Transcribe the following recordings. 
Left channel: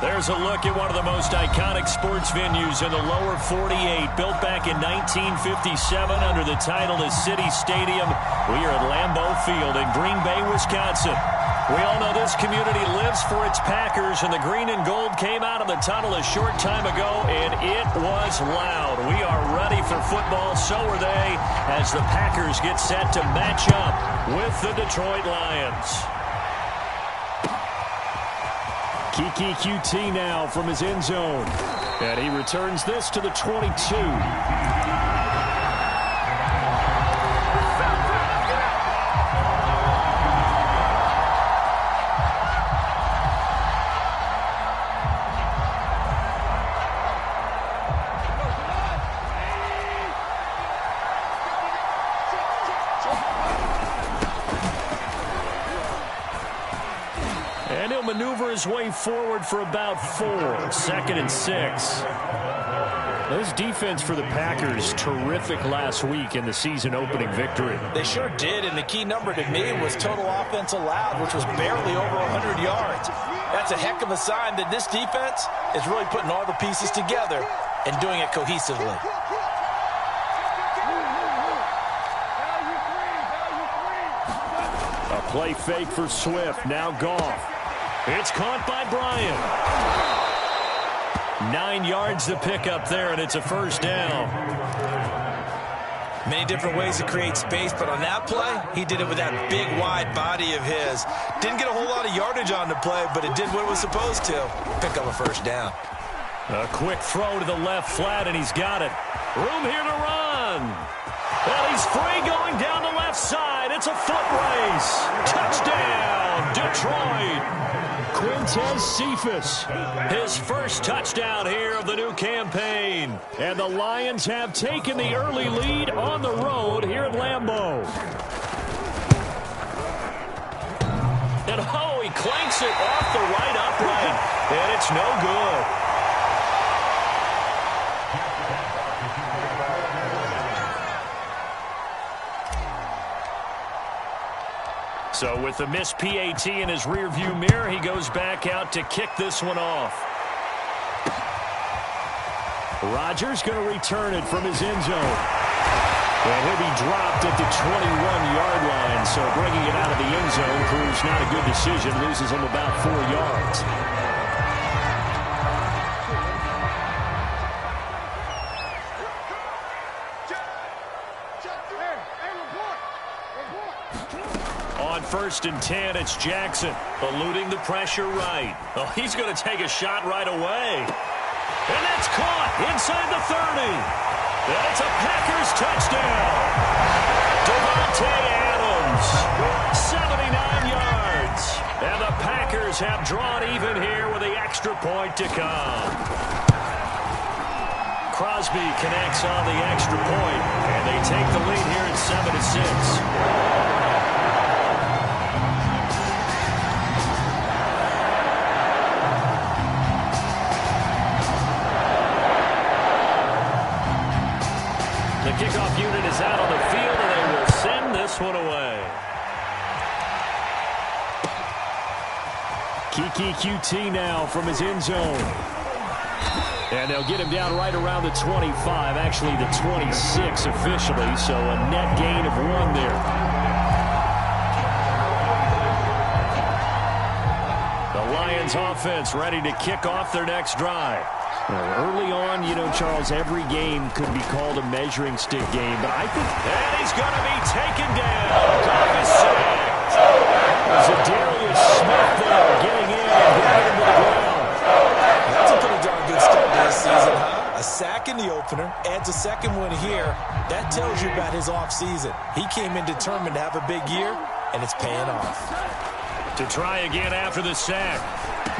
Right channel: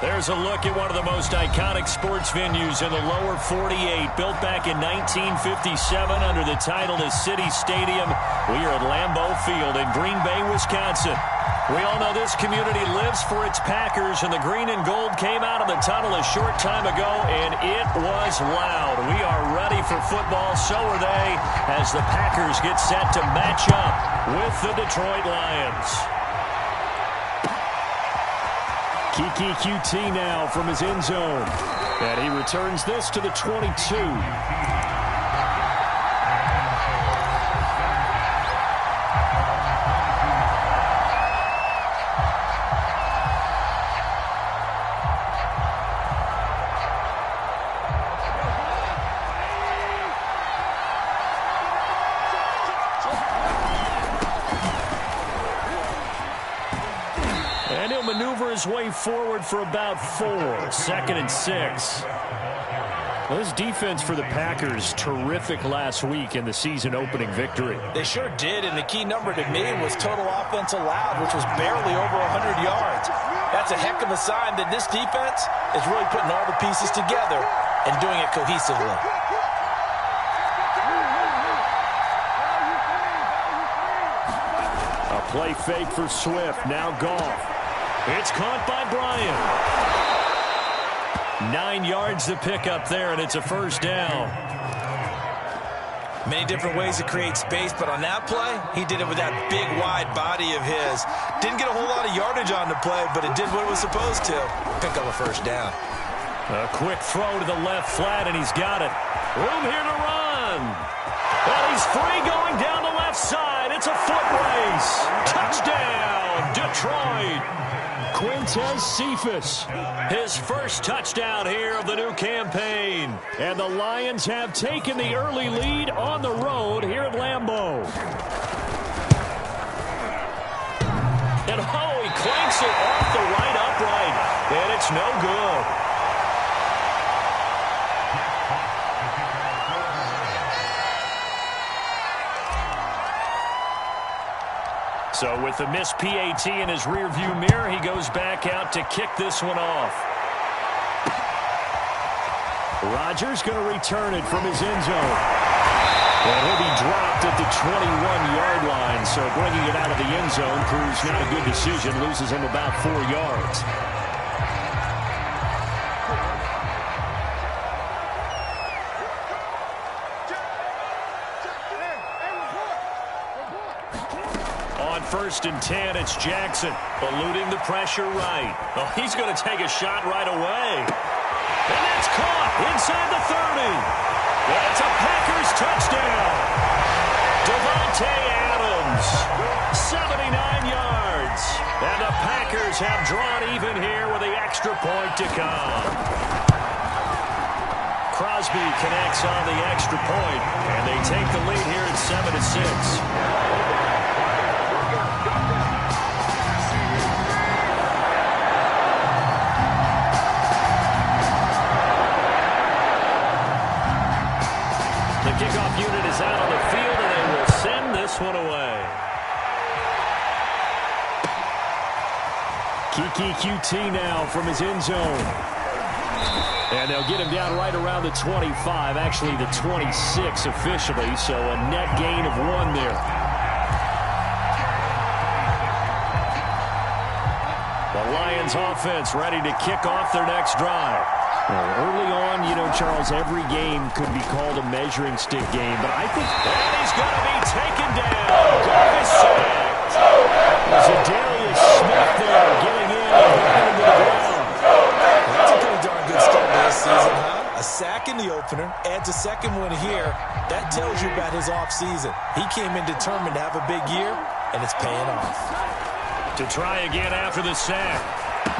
There's a look at one of the most iconic sports venues in the lower 48, built back in 1957 under the title of City Stadium. We are at Lambeau Field in Green Bay, Wisconsin. We all know this community lives for its Packers, and the green and gold came out of the tunnel a short time ago, and it was loud. We are ready for football, so are they, as the Packers get set to match up with the Detroit Lions. Kiki QT now from his end zone. And he returns this to the 22. And he'll maneuver his way forward for about 4. 2nd and 6. This defense for the Packers, terrific last week in the season opening victory. They sure did, and the key number to me was total offense allowed, which was barely over 100 yards. That's a heck of a sign that this defense is really putting all the pieces together and doing it cohesively. A play fake for Swift, now Goff. It's caught by Bryant. 9 yards to pick up there, and it's a first down. Many different ways to create space, but on that play, he did it with that big, wide body of his. Didn't get a whole lot of yardage on the play, but it did what it was supposed to. Pick up a first down. A quick throw to the left flat, and he's got it. Room here to run. And he's free going down the left side. It's a foot race. Touchdown, Detroit. Quintez Cephas, his first touchdown here of the new campaign. And the Lions have taken the early lead on the road here at Lambeau. And oh, he clanks it off the right upright. And it's no good. So with the missed PAT in his rearview mirror, he goes back out to kick this one off. Rodgers going to return it from his end zone. And he'll be dropped at the 21-yard line. So bringing it out of the end zone proves not a good decision. Loses him about 4 yards. On 1st and 10, it's Jackson, eluding the pressure right. Oh, he's going to take a shot right away. And that's caught inside the 30. That's a Packers touchdown. Devontae Adams, 79 yards. And the Packers have drawn even here with the extra point to come. Crosby connects on the extra point, and they take the lead here at 7-6. The kickoff unit is out on the field, and they will send this one away. Kiki QT now from his end zone. And they'll get him down right around the 25, actually the 26 officially, so a net gain of 1 there. The Lions offense ready to kick off their next drive. Early on, you know, Charles, every game could be called a measuring stick game, but I think... And he's going to be taken down. Goff is sacked. There's a Darius Smith there getting in and bringing him to the ground. That's a pretty darn good start to this season, huh? A sack in the opener, adds a second one here. That tells you about his offseason. He came in determined to have a big year, and it's paying off. To try again after the sack.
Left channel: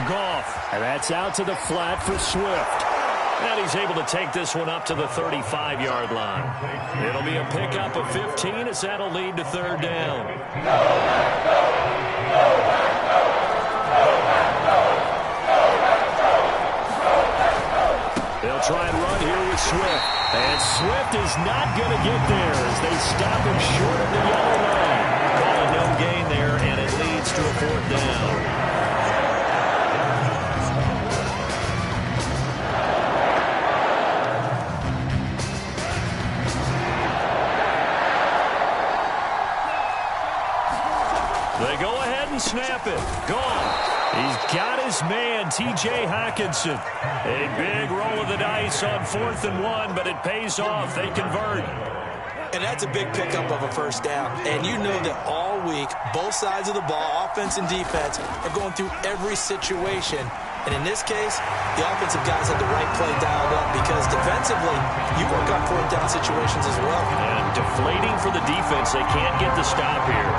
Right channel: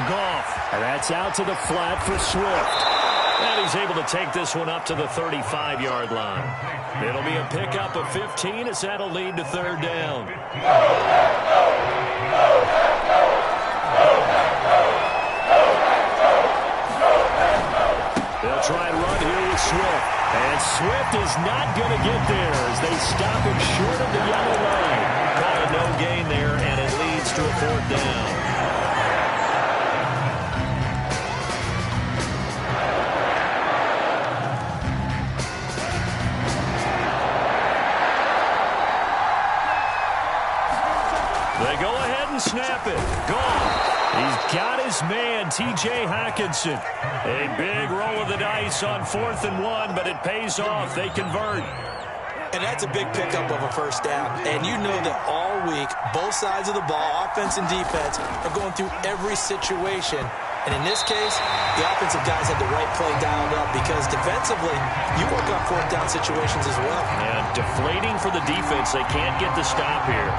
Goff. And that's out to the flat for Swift. And he's able to take this one up to the 35-yard line. It'll be a pickup of 15 as that'll lead to 3rd down. They'll try and run here with Swift. And Swift is not going to get there as they stop him short of the yellow line. Call it no gain there, and it leads to a 4th down. to snap it. Gone. He's got his man, T.J. Hockenson. A big roll of the dice on 4th and 1, but it pays off. They convert. And that's a big pickup of a first down. And you know that all week, both sides of the ball, offense and defense, are going through every situation. And in this case, the offensive guys had the right play dialed up because defensively, you work on 4th down situations as well. And deflating for the defense. They can't get the stop here.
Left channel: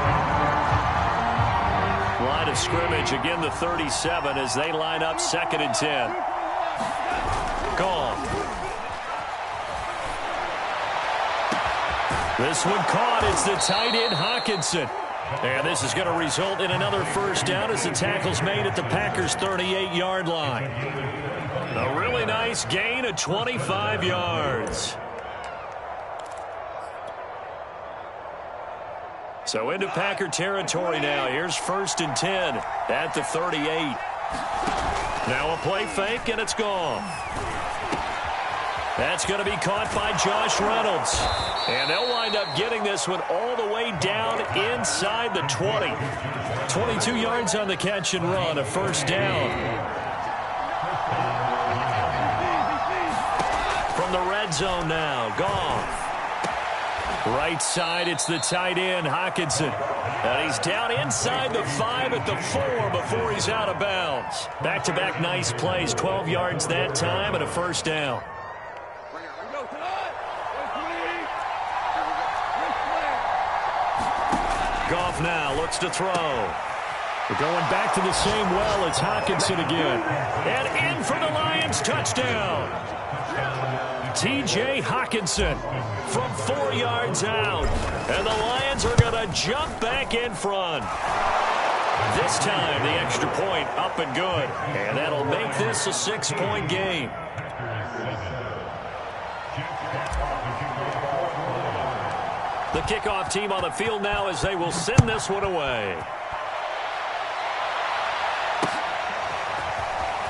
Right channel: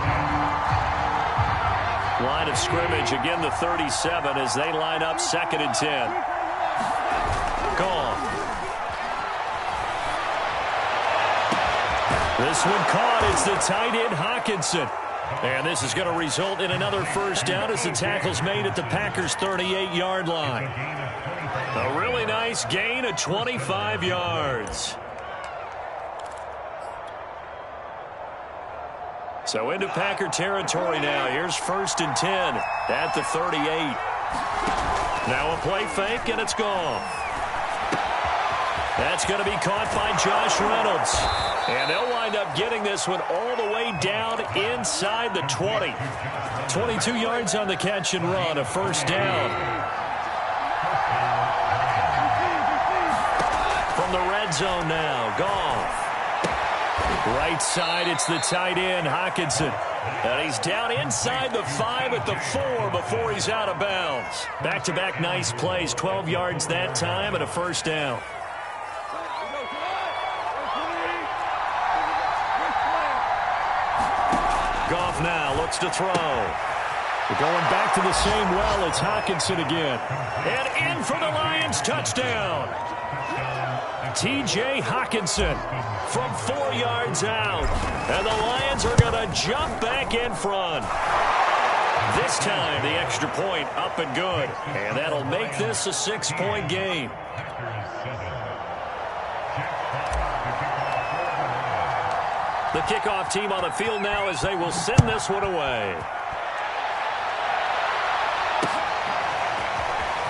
Line of scrimmage, again the 37 as they line up 2nd and 10. Gone. This one caught. It's the tight end, Hockenson. And this is going to result in another first down as the tackle's made at the Packers' 38-yard line. A really nice gain of 25 yards. So into Packer territory now. Here's 1st and 10 at the 38. Now a play fake, and it's gone. That's going to be caught by Josh Reynolds. And they'll wind up getting this one all the way down inside the 20. 22 yards on the catch and run, a first down. From the red zone now, gone. Right side, it's the tight end, Hockenson. And he's down inside the 5 at the 4 before he's out of bounds. Back-to-back nice plays, 12 yards that time and a first down. Goff now looks to throw. We're going back to the same well. It's Hockenson again. And in for the Lions, touchdown. T.J. Hockenson from 4 yards out. And the Lions are going to jump back in front. This time, the extra point up and good. And that'll make this a 6-point game. The kickoff team on the field now as they will send this one away.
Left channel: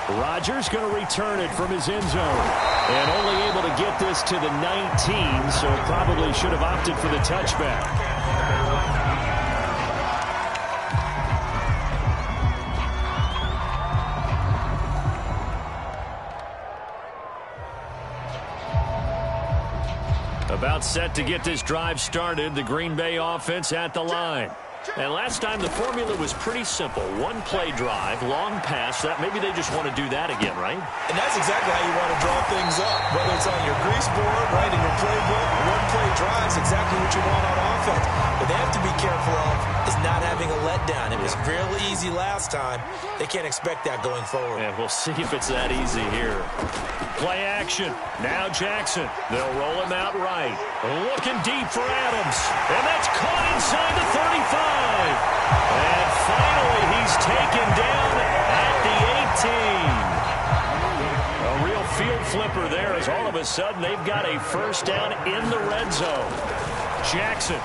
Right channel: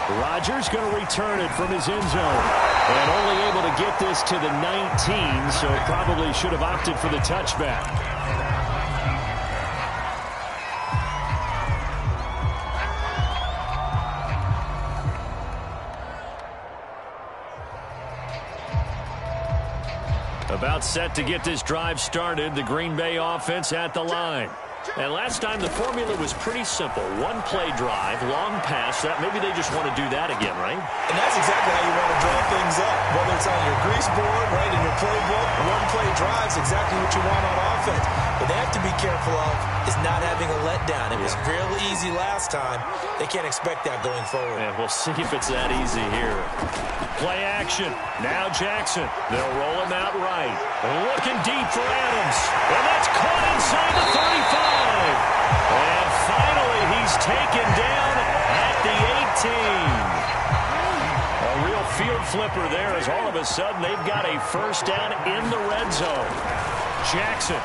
Rodgers going to return it from his end zone. And only able to get this to the 19, so probably should have opted for the touchback. About set to get this drive started, the Green Bay offense at the line. And last time the formula was pretty simple. One play drive, long pass. That maybe they just want to do that again, right? And that's exactly how you want to draw things up. Whether it's on your grease board, right, in your playbook, one play drive is exactly what you want on offense. What they have to be careful of is not having a letdown. It was real easy last time. They can't expect that going forward. And we'll see if it's that easy here. Play action. Now Jackson. They'll roll him out right. Looking deep for Adams. And that's caught inside the 35. And finally, he's taken down at the 18. A real field flipper there as all of a sudden they've got a first down in the red zone. Jackson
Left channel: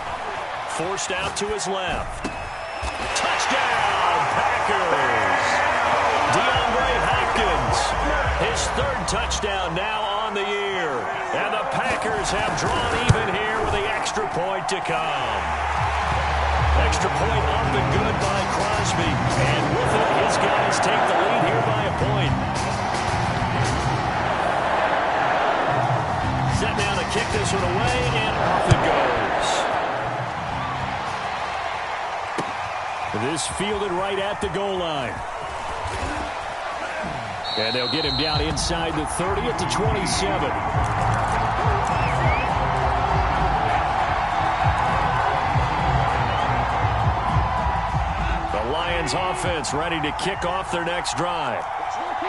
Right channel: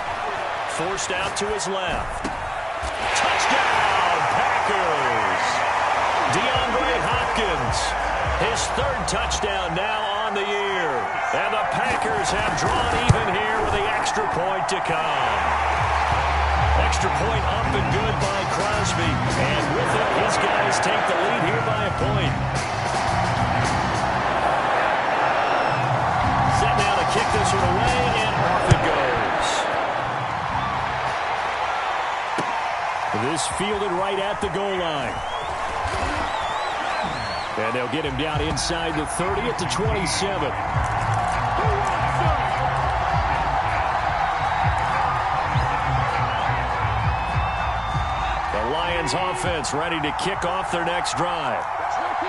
forced out to his left. Touchdown, Packers. DeAndre Hopkins, his 3rd touchdown now on the year. And the Packers have drawn even here with the extra point to come. Extra point up and good by Crosby. And with it, his guys take the lead here by a point. Set now to kick this one away, and off it goes. This fielded right at the goal line. And they'll get him down inside the 30 at the 27. The Lions offense ready to kick off their next drive.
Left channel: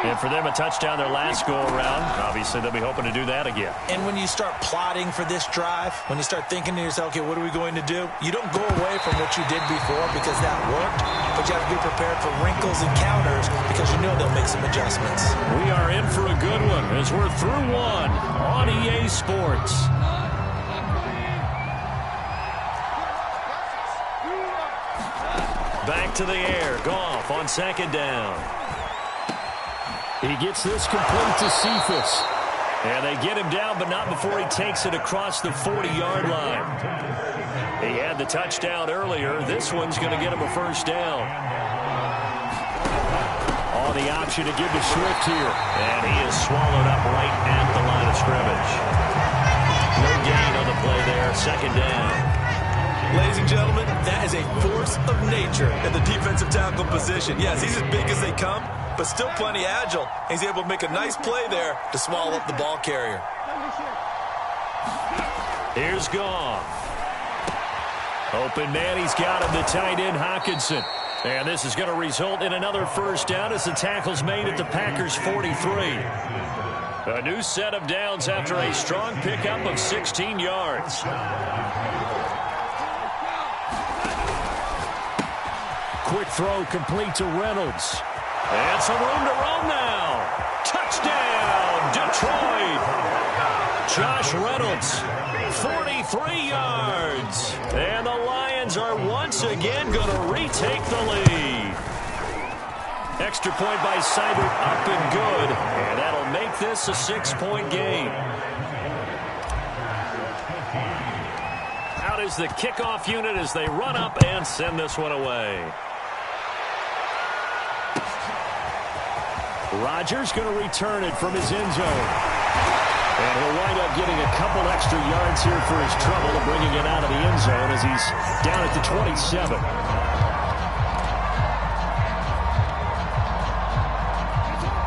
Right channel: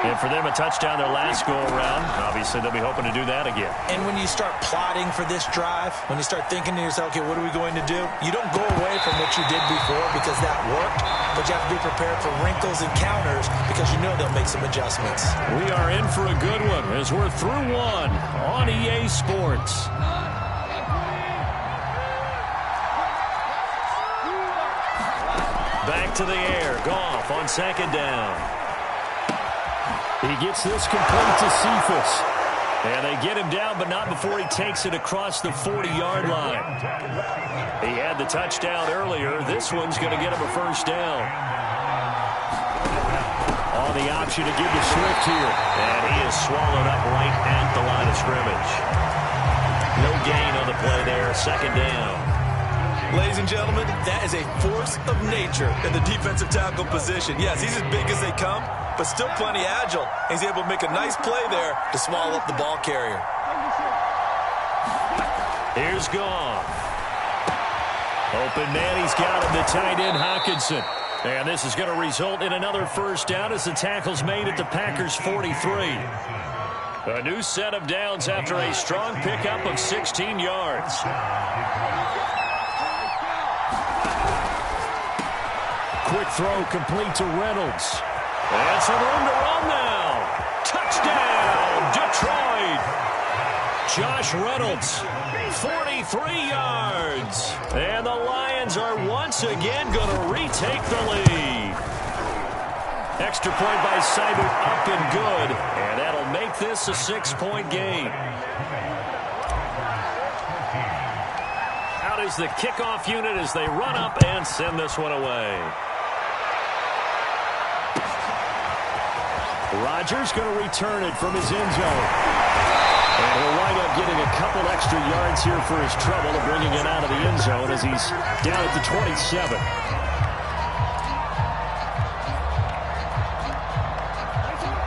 And for them, a touchdown their last go-around. Obviously, they'll be hoping to do that again. And when you start plotting for this drive, when you start thinking to yourself, okay, what are we going to do? You don't go away from what you did before because that worked, but you have to be prepared for wrinkles and counters because you know they'll make some adjustments. We are in for a good one as we're through one on EA Sports. Back to the air. Goff on 2nd down. He gets this complete to Cephas. And they get him down, but not before he takes it across the 40-yard line. He had the touchdown earlier. This one's going to get him a first down. On the option to give to Swift here. And he is swallowed up right at the line of scrimmage. No gain on the play there. Second down. Ladies and gentlemen, that is a force of nature in the defensive tackle position. Yes, he's as big as they come, but still plenty agile. He's able to make a nice play there to swallow up the ball carrier. Here's Goff. Open man, he's got him, the tight end, Hockenson. And this is going to result in another first down as the tackle's made at the Packers' 43. A new set of downs after a strong pickup of 16 yards. Quick throw complete to Reynolds. And some room to roam now. Touchdown, Detroit. Josh Reynolds, 43 yards. And the Lions are once again going to retake the lead. Extra point by Seibert, up and good. And that'll make this a 6-point game. Out is the kickoff unit as they run up and send this one away. Rodgers going to return it from his end zone. And he'll wind up getting a couple extra yards here for his trouble of bringing it out of the end zone as he's down at the 27.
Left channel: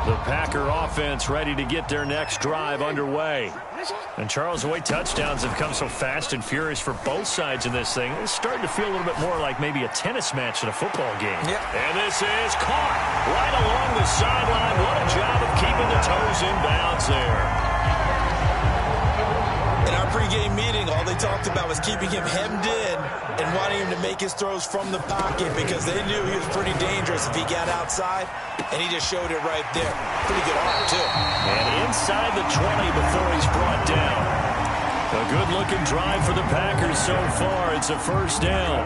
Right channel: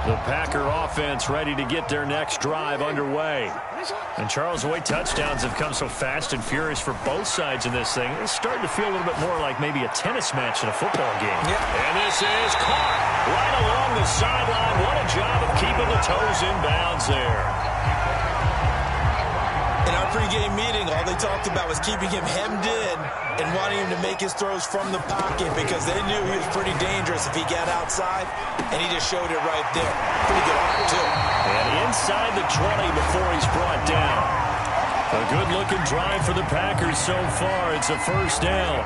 The Packer offense ready to get their next drive underway. And Charles, the way touchdowns have come so fast and furious for both sides in this thing, it's starting to feel a little bit more like maybe a tennis match in a football game. Yep. And this is caught right along the sideline. What a job of keeping the toes in bounds there. In our pregame meeting, all they talked about was keeping him hemmed in and wanting him to make his throws from the pocket because they knew he was pretty dangerous if he got outside, and he just showed it right there. Pretty good arm, too. And inside the 20 before he's brought down. A good-looking drive for the Packers so far. It's a first down.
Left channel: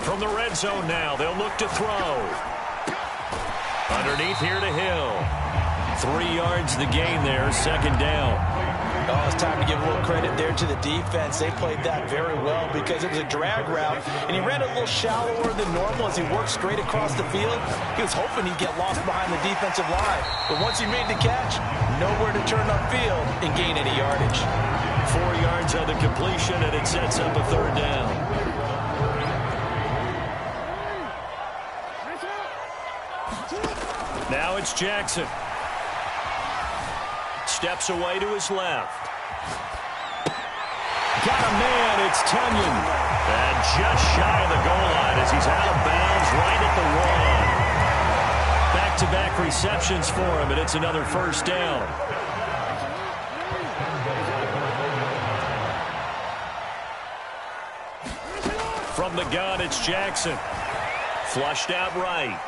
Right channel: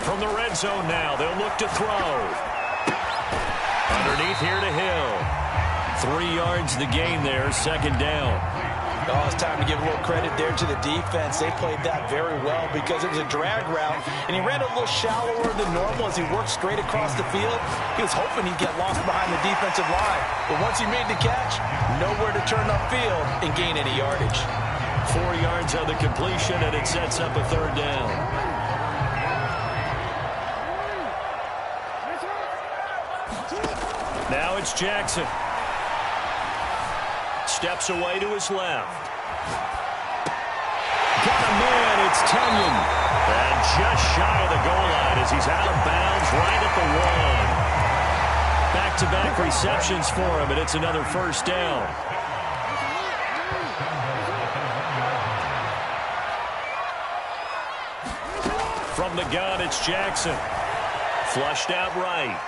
From the red zone now, they'll look to throw. Underneath here to Hill. 3 yards the gain there, second down. Oh, it's time to give a little credit there to the defense. They played that very well because it was a drag route, and he ran a little shallower than normal as he worked straight across the field. He was hoping he'd get lost behind the defensive line, but once he made the catch, nowhere to turn upfield and gain any yardage. 4 yards on the completion, and it sets up a third down. Now it's Jackson. Steps away to his left. Got a man, it's Tunyon. And just shy of the goal line as he's out of bounds right at the 1. Back-to-back receptions for him, and it's another first down. From the gun, it's Jackson. Flushed out right.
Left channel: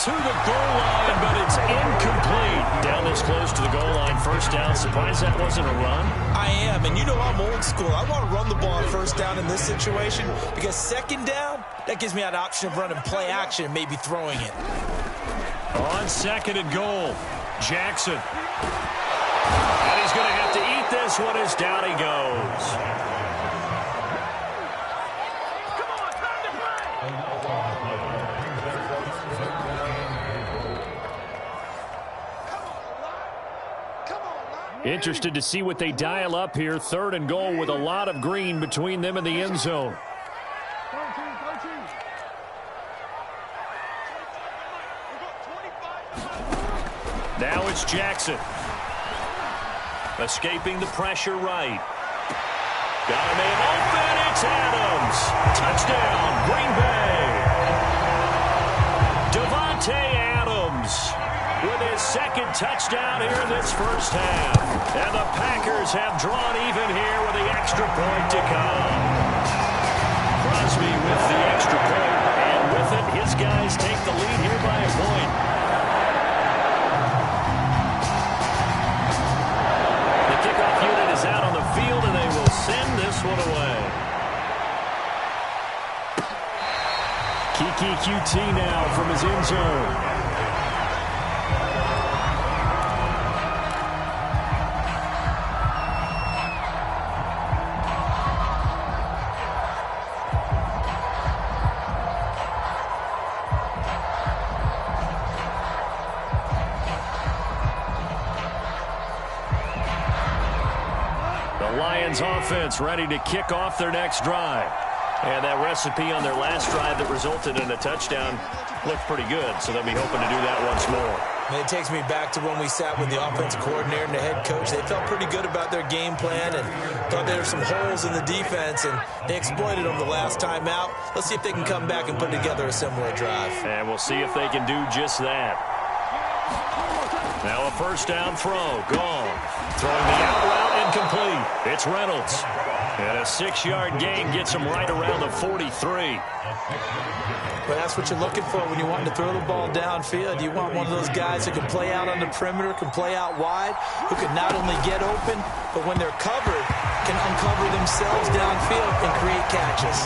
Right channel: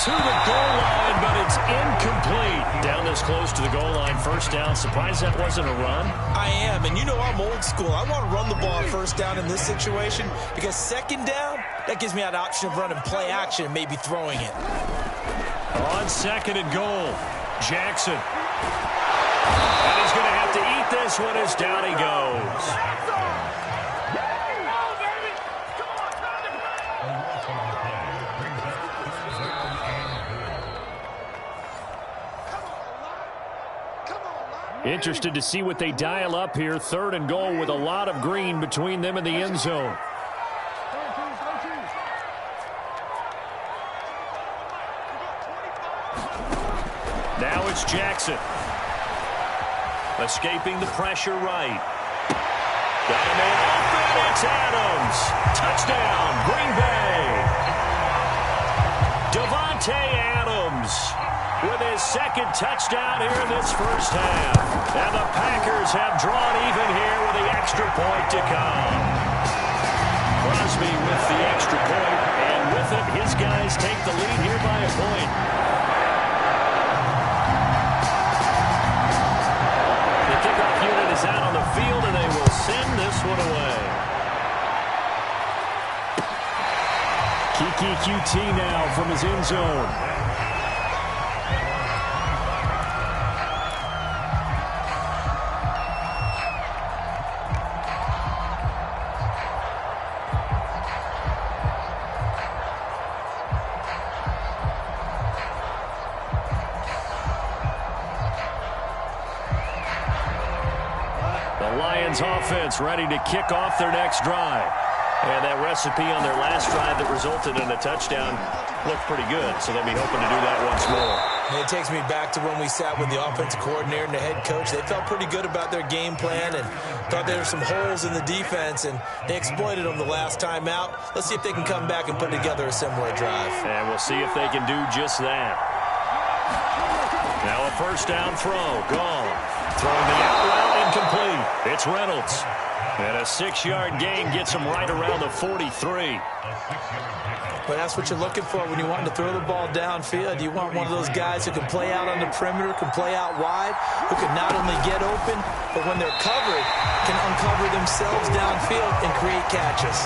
To the goal line, but it's incomplete. Down this close to the goal line, first down. Surprised that wasn't a run? I am, and you know I'm old school. I want to run the ball on first down in this situation because second down, that gives me an option of running play action and maybe throwing it. On second and goal, Jackson. And he's going to have to eat this one as down he goes. Interested to see what they dial up here. Third and goal with a lot of green between them and the end zone. Now it's Jackson. Escaping the pressure right. Got a man open. It's Adams. Touchdown, Green Bay. Devontae Adams with his second touchdown here in this first half. And the Packers have drawn even here with the extra point to come. Crosby with the extra point, and with it, his guys take the lead here by a point. The kickoff unit is out on the field, and they will send this one away. Kiki QT now from his end zone. The Lions offense ready to kick off their next drive. And that recipe on their last drive that resulted in a touchdown looked pretty good, so they'll be hoping to do that once more. And it takes me back to when we sat with the offensive coordinator and the head coach. They felt pretty good about their game plan and thought there were some holes in the defense, and they exploited them the last time out. Let's see if they can come back and put together a similar drive. And we'll see if they can do just that. Now a first down throw, gone. Throwing the out route, incomplete. It's Reynolds. And a 6-yard gain gets him right around the 43. But that's what you're looking for when you want to throw the ball downfield. You want one of those guys who can play out on the perimeter, can play out wide, who can not only get open, but when they're covered, can uncover themselves downfield and create catches.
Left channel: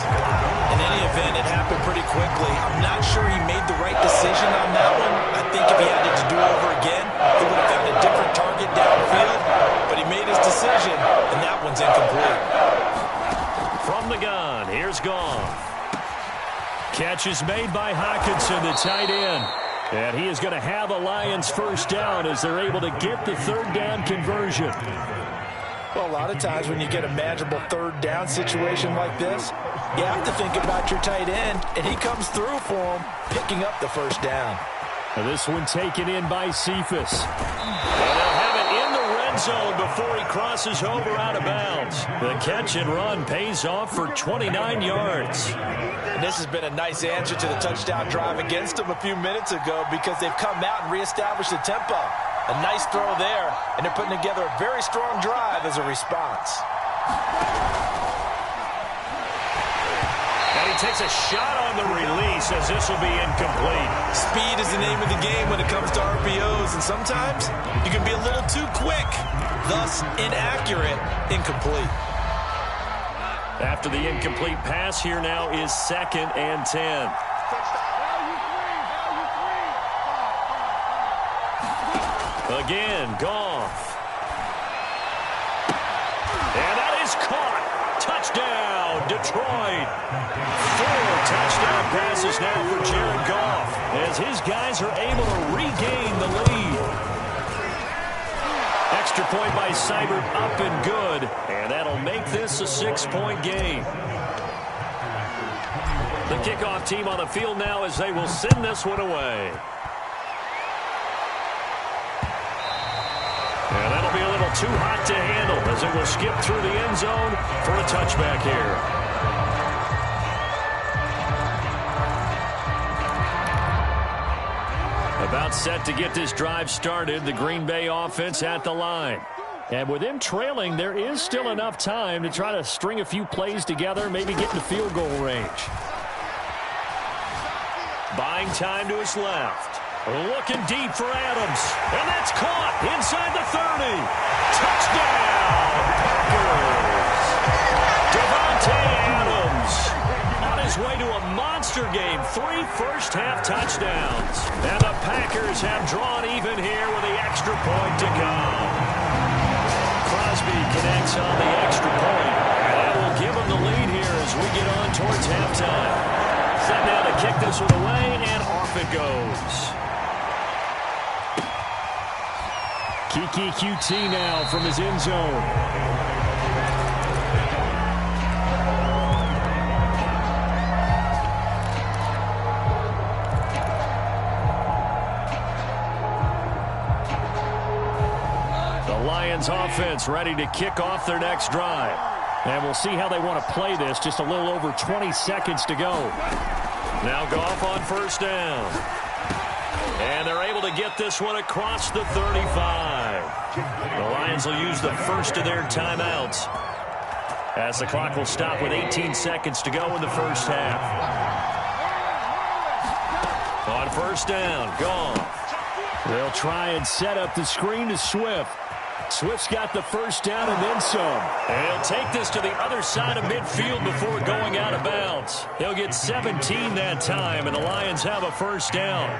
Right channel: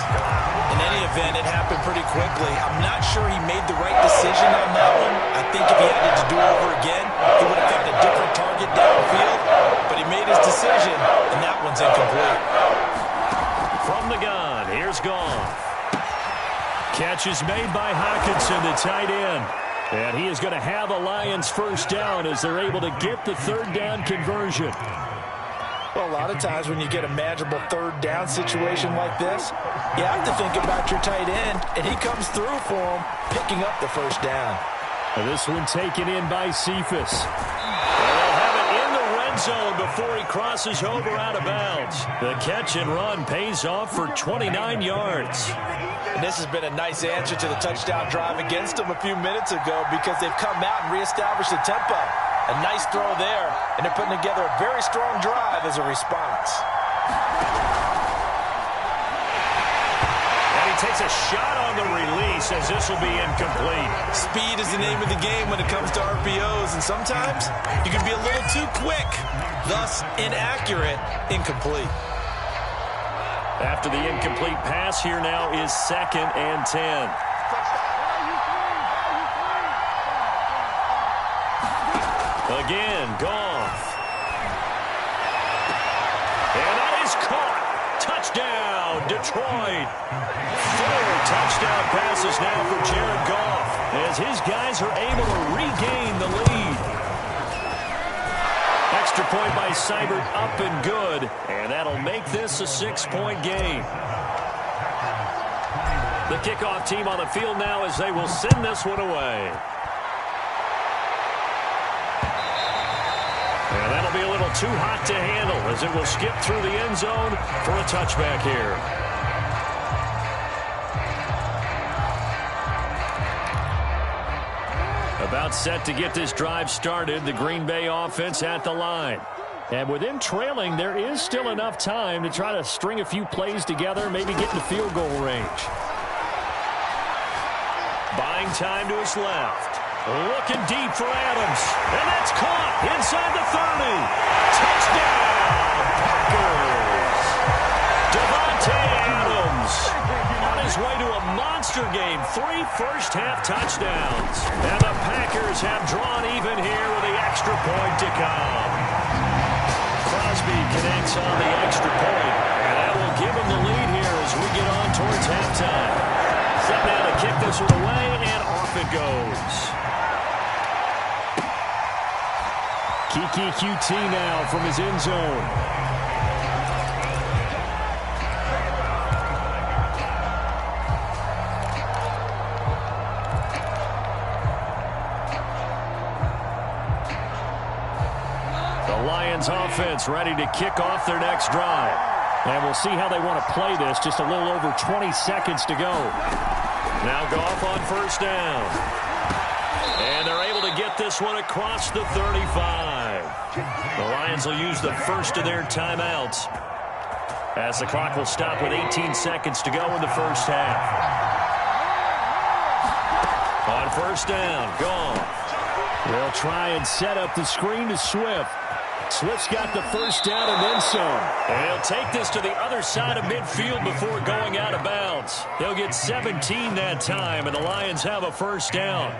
In any event, it happened pretty quickly. I'm not sure he made the right decision on that one. I think if he had it to do over again, he would have found a different target downfield. But he made his decision, and that one's incomplete. From the gun, here's Goff. Catch is made by Hockenson, the tight end. And he is going to have a Lions first down as they're able to get the third down conversion. Well, a lot of times when you get a manageable third down situation like this, you have to think about your tight end, and he comes through for him, picking up the first down. And this one taken in by Cephas. And they'll have it in the red zone before he crosses over out of bounds. The catch and run pays off for 29 yards. And this has been a nice answer to the touchdown drive against them a few minutes ago because they've come out and reestablished the tempo. A nice throw there, and they're putting together a very strong drive as a response. And he takes a shot on the release as this will be incomplete. Speed is the name of the game when it comes to RPOs, and sometimes you can be a little too quick, thus inaccurate, incomplete. After the incomplete pass, here now is 2nd and 10. Again, Goff. And that is caught. Touchdown, Detroit. 4 touchdown passes now for Jared Goff as his guys are able to regain the lead. Extra point by Seibert, up and good, and that'll make this a 6-point game. The kickoff team on the field now as they will send this one away. And that'll be a little too hot to handle as it will skip through the end zone for a touchback here. About set to get this drive started, the Green Bay offense at the line. And with them trailing, there is still enough time to try to string a few plays together, maybe get into field goal range. Buying time to his left. Looking deep for Adams. And that's caught inside the 30. Touchdown, Packers. Devontae Adams on his way to a monster game. 3 first-half touchdowns. And the Packers have drawn even here with the extra point to come. Crosby connects on the extra point. And that will give him the lead here as we get on towards halftime. Set now to kick this one away, and off it goes. Kiki QT now from his end zone. The Lions offense ready to kick off their next drive. And we'll see how they want to play this. Just a little over 20 seconds to go. Now Goff on first down. And they're able to get this one across the 35. The Lions will use the first of their timeouts as the clock will stop with 18 seconds to go in the first half. On first down, Goff. They'll try and set up the screen to Swift. Swift's got the first down and then some. And he'll take this to the other side of midfield before going out of bounds. He'll get 17 that time, and the Lions have a first down.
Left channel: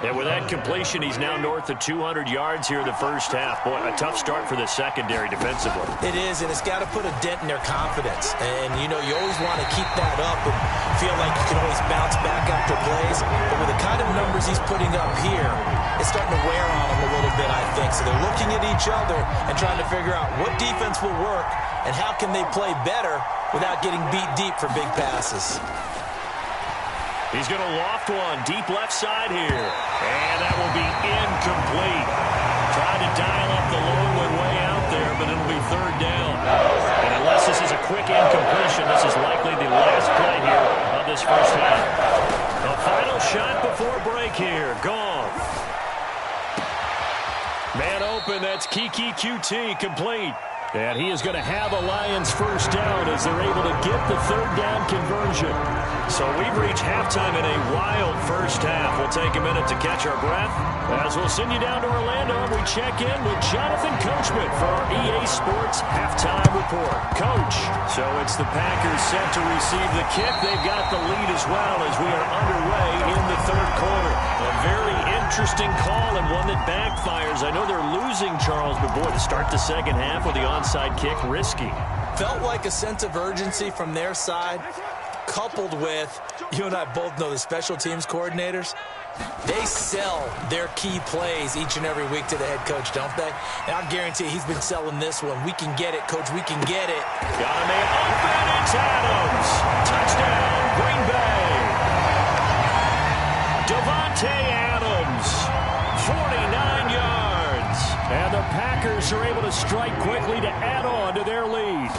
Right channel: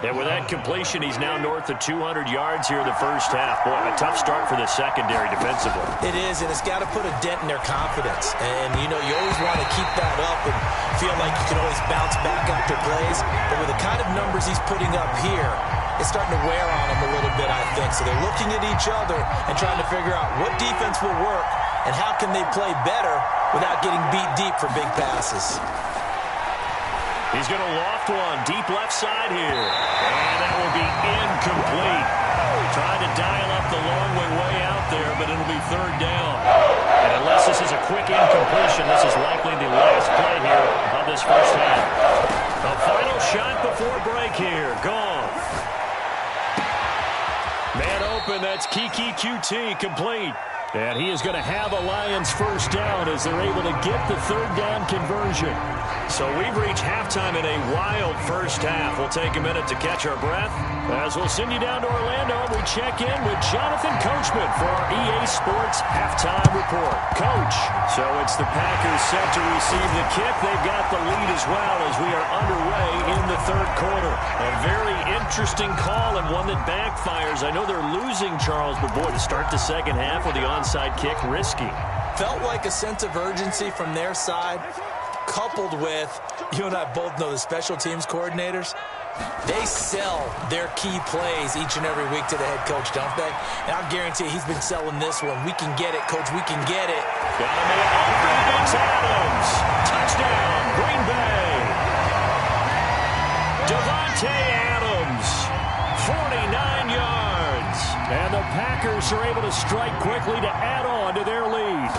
And with that completion, he's now north of 200 yards here in the first half. Boy, a tough start for the secondary defensively. It is, and it's got to put a dent in their confidence. And, you know, you always want to keep that up and feel like you can always bounce back after plays. But with the kind of numbers he's putting up here, it's starting to wear on them a little bit, I think. So they're looking at each other and trying to figure out what defense will work and how can they play better without getting beat deep for big passes. He's going to loft one deep left side here. And that will be incomplete. Tried to dial up the long way out there, but it'll be third down. And unless this is a quick incompletion, this is likely the last play here of this first half. The final shot before break here. Gone. Man open, that's Kiki QT complete. And he is going to have a Lions first down as they're able to get the third down conversion. So we've reached halftime in a wild first half. We'll take a minute to catch our breath as we'll send you down to Orlando and we check in with Jonathan Coachman for our EA Sports Halftime Report. Coach, so it's the Packers set to receive the kick. They've got the lead as well as we are underway in the third quarter. A very interesting call and one that backfires. I know they're losing, Charles, but boy, to start the second half with the onside kick, risky. Felt like a sense of urgency from their side, coupled with, you and I both know the special teams coordinators, they sell their key plays each and every week to the head coach, don't they? And I'll guarantee you he's been selling this one. We can get it, coach, we can get it. Got a man open, it's Adams. Touchdown, Green Bay. Devontae Adams, 49 yards. And the Packers are able to strike quickly to add on to their lead.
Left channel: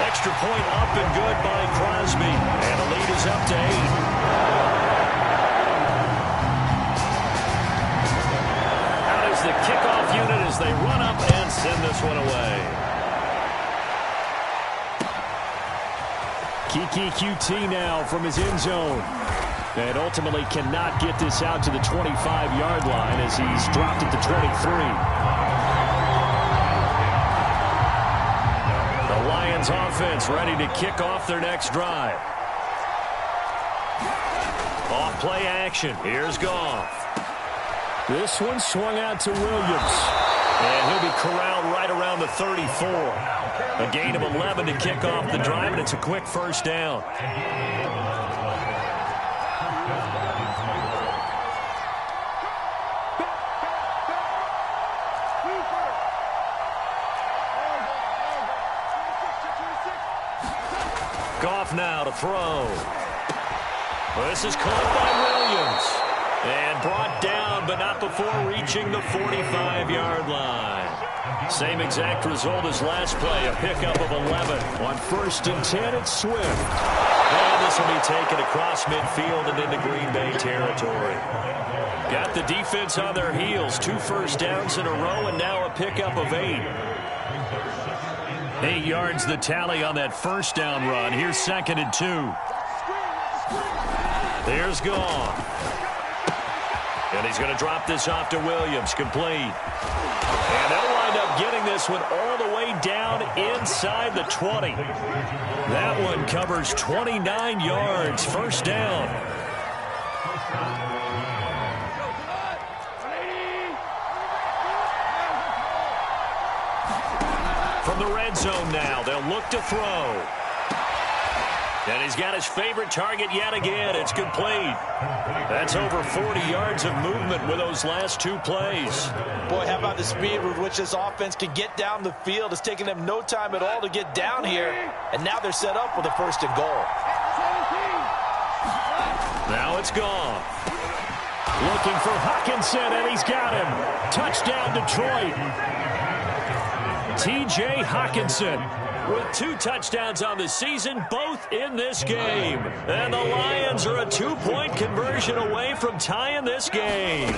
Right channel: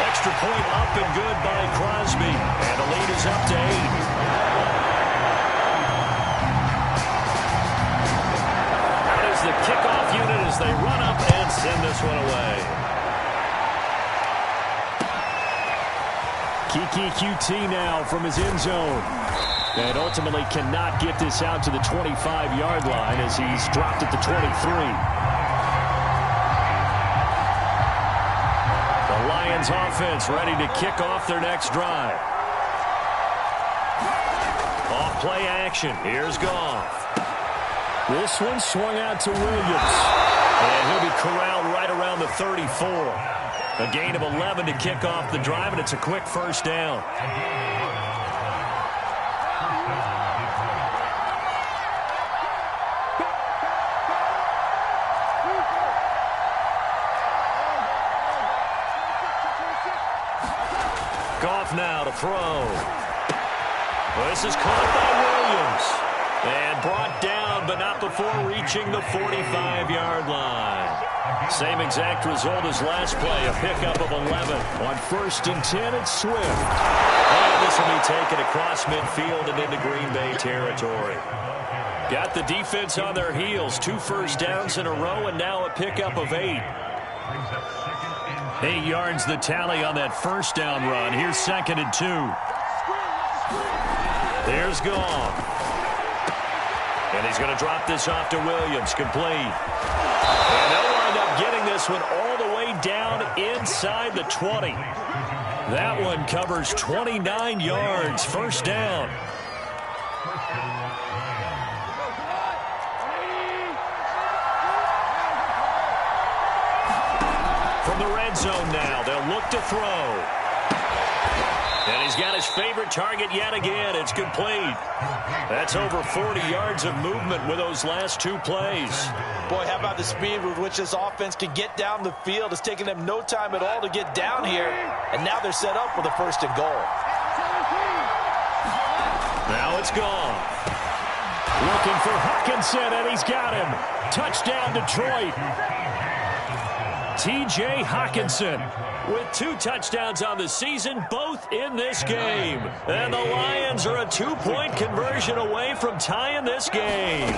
Extra point up and good by Crosby. And the lead is up to 8. Out is the kickoff unit as they run up and send this one away. Kiki QT now from his end zone. And ultimately cannot get this out to the 25-yard line as he's dropped at the 23. The Lions offense ready to kick off their next drive. Off play action. Here's Goff. This one swung out to Williams. And he'll be corralled right around the 34. A gain of 11 to kick off the drive, and it's a quick first down. Goff now to throw. This is caught by Williams. And brought down, but not before reaching the 45-yard line. Same exact result as last play, a pickup of 11. On 1st and 10, it's Swift. And this will be taken across midfield and into Green Bay territory. Got the defense on their heels. 2 first downs in a row, and now a pickup of 8. 8 yards the tally on that first down run. Here's 2nd and 2. There's Goff. And he's going to drop this off to Williams. Complete. And they'll wind up getting this one all the way down inside the 20. That one covers 29 yards. First down. From the red zone now, they'll look to throw. And he's got his favorite target yet again. It's complete. That's over 40 yards of movement with those last 2 plays. Boy, how about the speed with which this offense can get down the field? It's taken them no time at all to get down here. And now they're set up with a 1st and goal. Now it's gone. Looking for Hockenson, and he's got him. Touchdown, Detroit. T.J. Hockenson with 2 touchdowns on the season, both in this game. And the Lions are a 2-point conversion away from tying this game.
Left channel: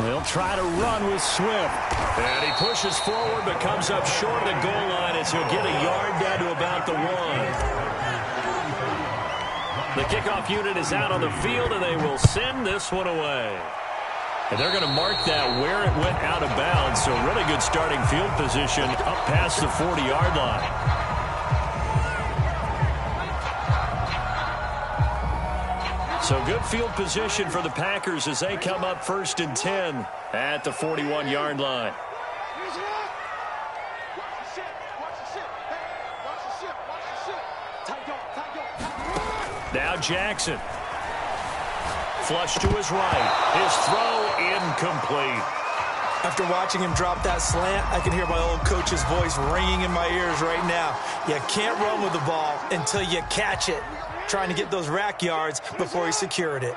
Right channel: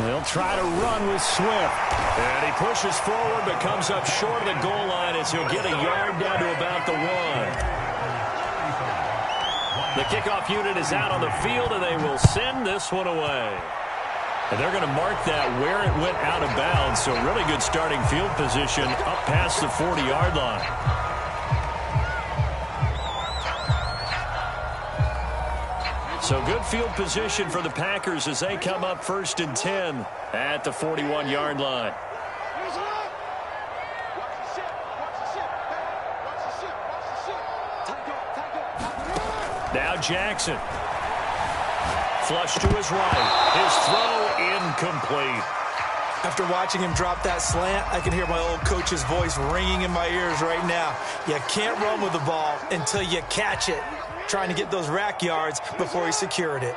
They'll try to run with Swift. And he pushes forward but comes up short of the goal line as he'll get a yard down to about the 1. The kickoff unit is out on the field, and they will send this one away. And they're going to mark that where it went out of bounds. So really good starting field position up past the 40-yard line. So good field position for the Packers as they come up 1st and 10 at the 41-yard line. Now Jackson. Flush to his right. His throw incomplete. After watching him drop that slant, I can hear my old coach's voice ringing in my ears right now. You can't run with the ball until you catch it. Trying to get those rack yards before he secured it.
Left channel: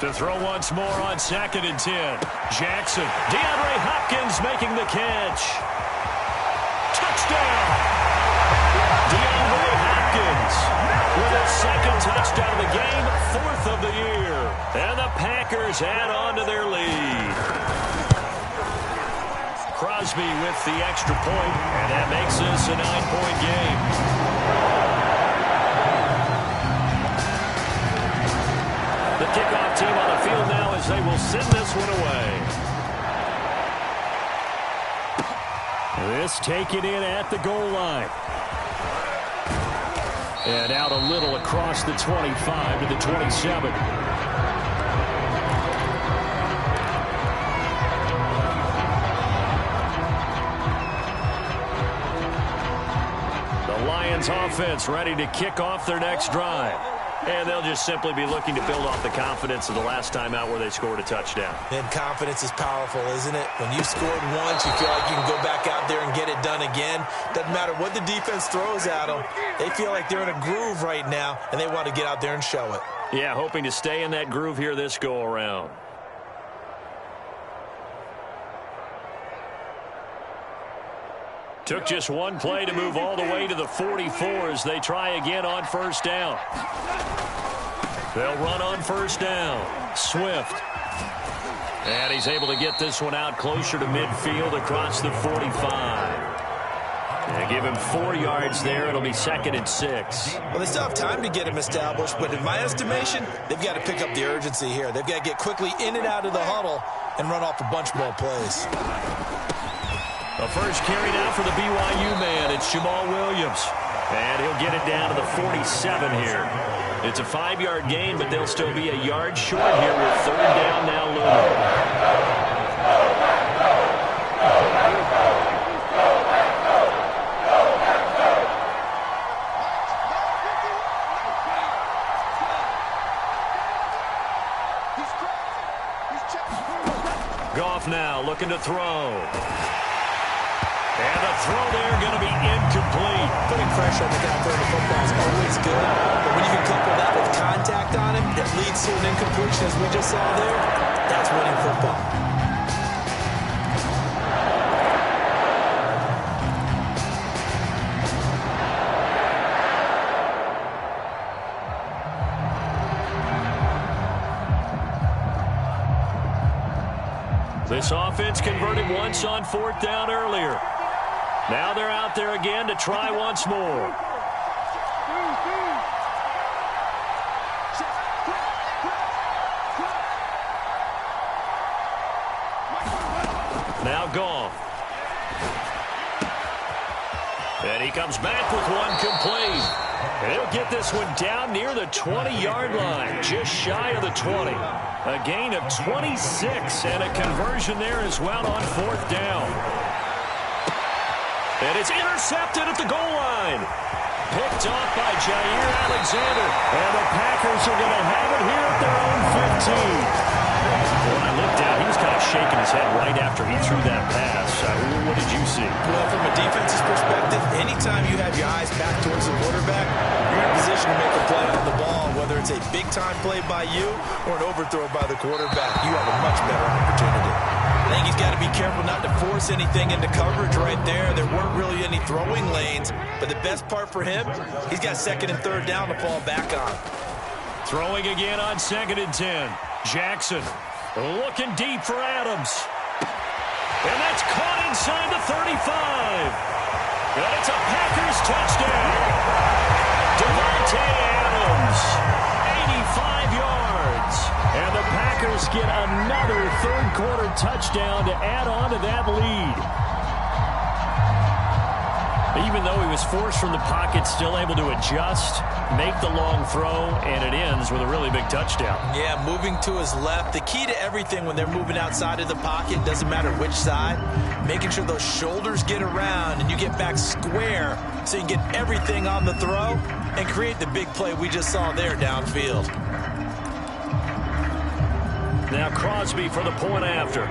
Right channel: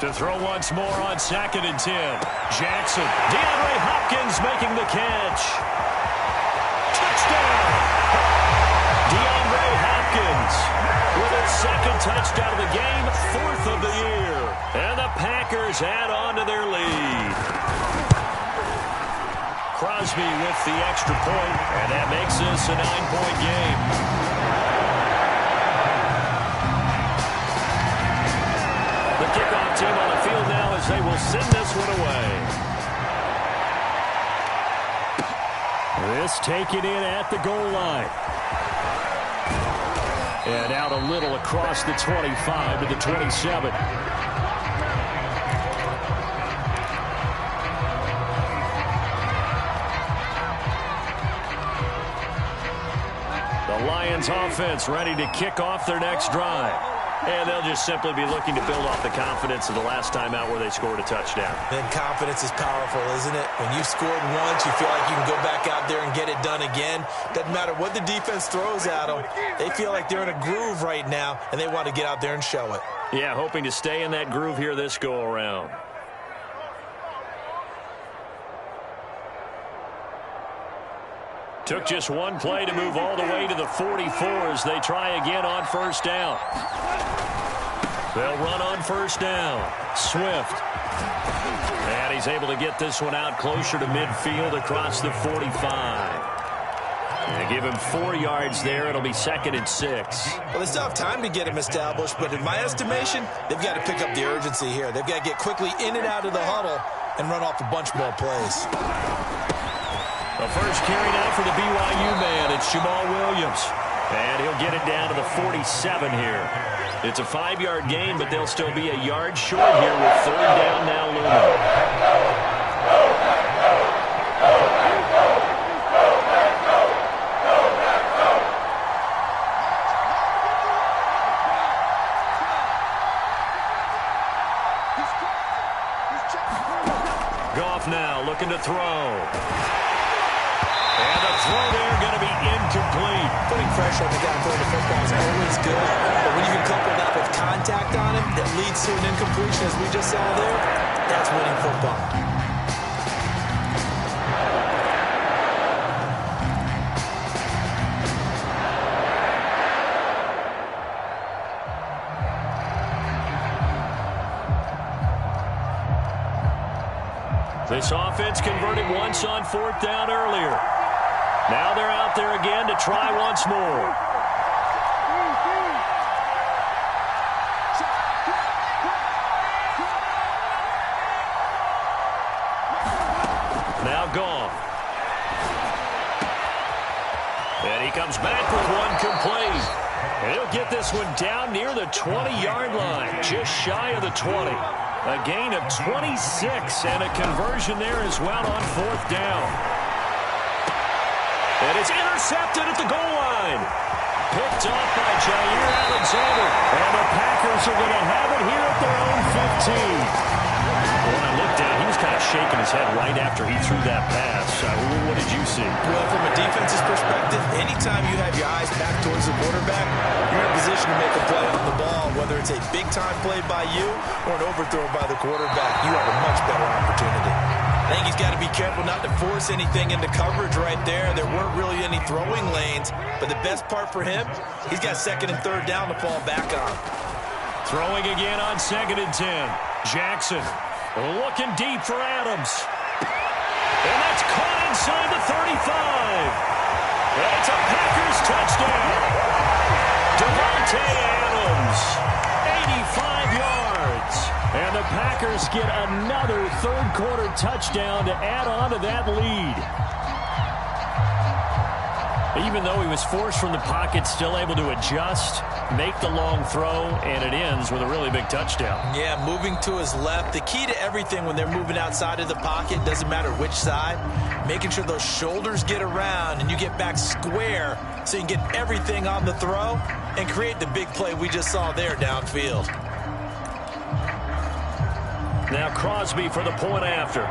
To throw once more on 2nd and 10. Jackson. DeAndre Hopkins making the catch. Touchdown. DeAndre Hopkins with his 2nd touchdown of the game, 4th of the year. And the Packers add on to their lead. Crosby with the extra point, and that makes this a 9-point game. The kickoff team on the field now as they will send this one away. This taken in at the goal line. And out a little across the 25 to the 27. The Lions offense ready to kick off their next drive. And they'll just simply be looking to build off the confidence of the last time out where they scored a touchdown. And confidence is powerful, isn't it? When you've scored once, you feel like you can go back out there and get it done again. Doesn't matter what the defense throws at them. They feel like they're in a groove right now, and they want to get out there and show it. Yeah, hoping to stay in that groove here this go-around. Took just one play to move all the way to the 44 as they try again on 1st down. They'll run on 1st down. Swift. And he's able to get this one out closer to midfield across the 45. And give him 4 yards there. It'll be 2nd and 6. Well, they still have time to get him established, but in my estimation, they've got to pick up the urgency here. They've got to get quickly in and out of the huddle and run off a bunch more plays. The first carry now for the BYU man. It's Jamal Williams. And he'll get it down to the 47 here. It's a 5-yard gain, but they'll still be a yard short here with 3rd down now looming. Goff now looking to throw. And the throw there going to be incomplete. Putting pressure on the guy throwing the football is always good. But when you can couple that with contact on him that leads to an incompletion, as we just saw there, that's winning football. This offense converted once on 4th down earlier. Now they're out there again to try once more. Now Goff. And he comes back with one complete. And he'll get this one down near the 20-yard line, just shy of the 20. A gain of 26 and a conversion there as well on 4th down. And it's intercepted at the goal line. Picked off by Jair Alexander. And the Packers are going to have it here at their own 15. When I looked down, he was kind of shaking his head right after he threw that pass. What did you see? Well, from a defense's perspective, anytime you have your eyes back towards the quarterback, you're in a position to make a play on the ball, whether it's a big-time play by you or an overthrow by the quarterback. You have a much better opportunity. I think he's got to be careful not to force anything into coverage right there. There weren't really any throwing lanes, but the best part for him, he's got 2nd and 3rd down to fall back on. Throwing again on 2nd and 10. Jackson looking deep for Adams. And that's caught inside the 35. And it's a Packers touchdown. Devontae Adams, 85 yards. And the Packers get another 3rd-quarter touchdown to add on to that lead. Even though he was forced from the pocket, still able to adjust, make the long throw, and it ends with a really big touchdown. Yeah, moving to his left. The key to everything when they're moving outside of the pocket, doesn't matter which side, making sure those shoulders get around and you get back square so you can get everything on the throw and create the big play we just saw there downfield. Now Crosby for the point after.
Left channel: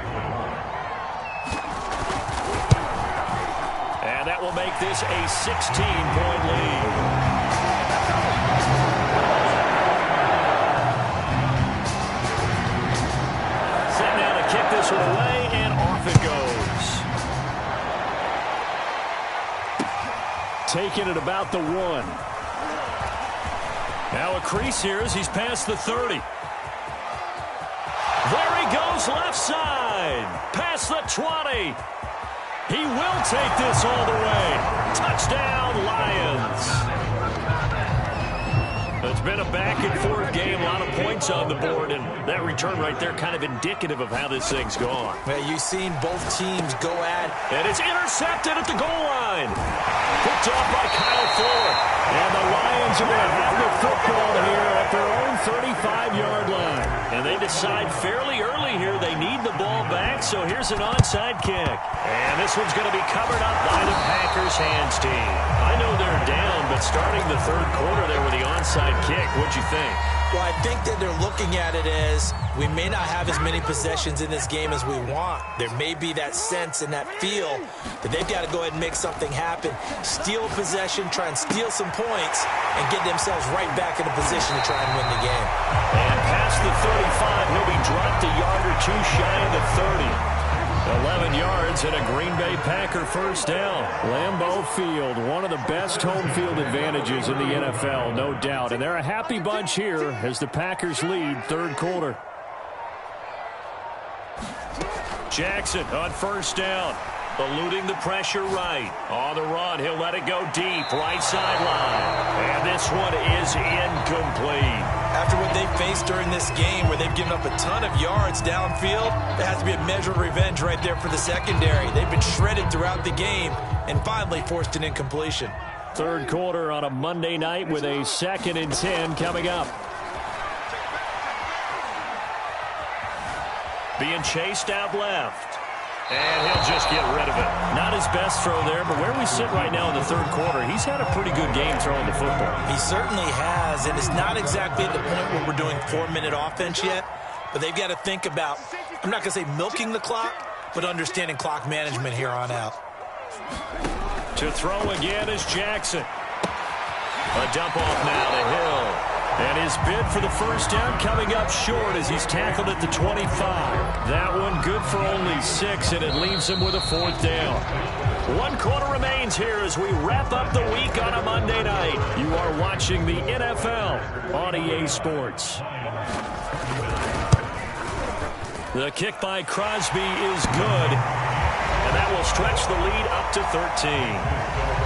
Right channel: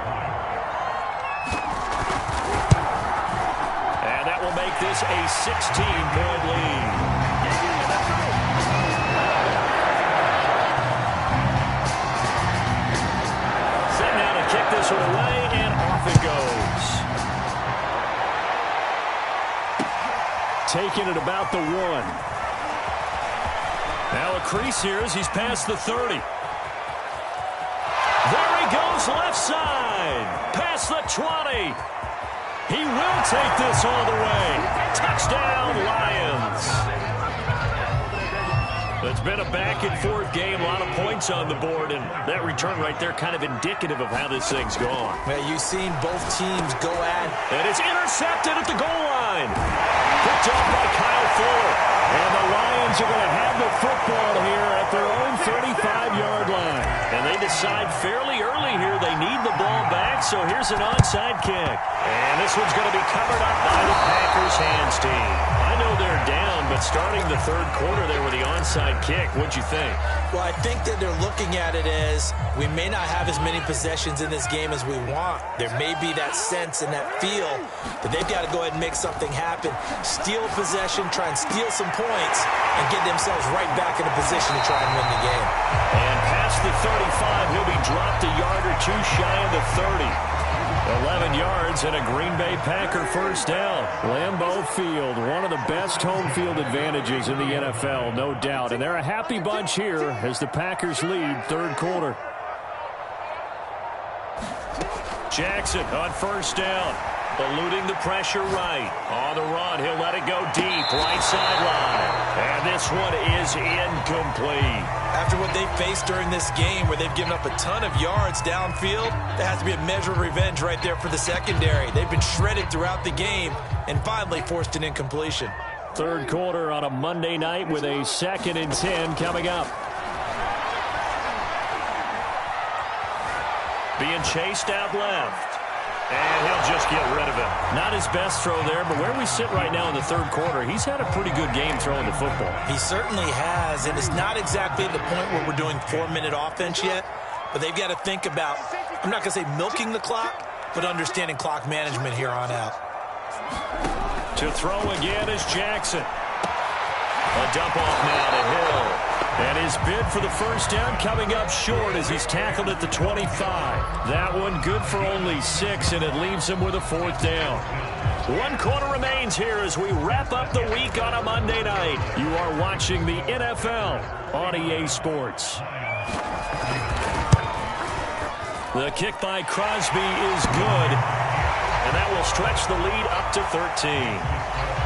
And that will make this a 16-point lead. Set now to kick this one away, and off it goes. Taking it about the 1. Now a crease here as he's past the 30. There he goes left side. Past the 20. He will take this all the way. Touchdown, Lions. It's been a back-and-forth game, a lot of points on the board, and that return right there kind of indicative of how this thing's gone. Well, you've seen both teams go at. And it's intercepted at the goal line. Picked off by Kyle Fuller. And the Lions are going to have the football here at their own 35-yard line. And they decide fairly early here they need the ball back, so here's an onside kick. And this one's going to be covered up by the Packers hands team. I know they're down, but starting the third quarter there with the onside kick, what'd you think? Well, I think that they're looking at it as we may not have as many possessions in this game as we want. There may be that sense and that feel that they've got to go ahead and make something happen, steal a possession, try and steal some points, and get themselves right back in a position to try and win the game. And past the 35, he'll be dropped a yard or two shy of the 30. 11 yards and a Green Bay Packer first down. Lambeau Field, one of the best home field advantages in the NFL, no doubt. And they're a happy bunch here as the Packers lead third quarter. Jackson on first down. Eluding the pressure right. On the run, he'll let it go deep. Right sideline. And this one is incomplete. After what they faced during this game where they've given up a ton of yards downfield, there has to be a measure of revenge right there for the secondary. They've been shredded throughout the game and finally forced an incompletion. Third quarter on a Monday night with a 2nd and 10 coming up. Being chased out left. And he'll just get rid of it. Not his best throw there, but where we sit right now in the third quarter, he's had a pretty good game throwing the football. He certainly has, and it's not exactly at the point where we're doing 4-minute offense yet, but they've got to think about, I'm not going to say milking the clock, but understanding clock management here on out. To throw again is Jackson. A dump off now to Hill. And his bid for the first down coming up short as he's tackled at the 25. That one good for only 6, and it leaves him with a 4th down. 1 quarter remains here as we wrap up the week on a Monday night. You are watching the NFL on EA Sports. The kick by Crosby is good, and that will stretch the lead up to 13.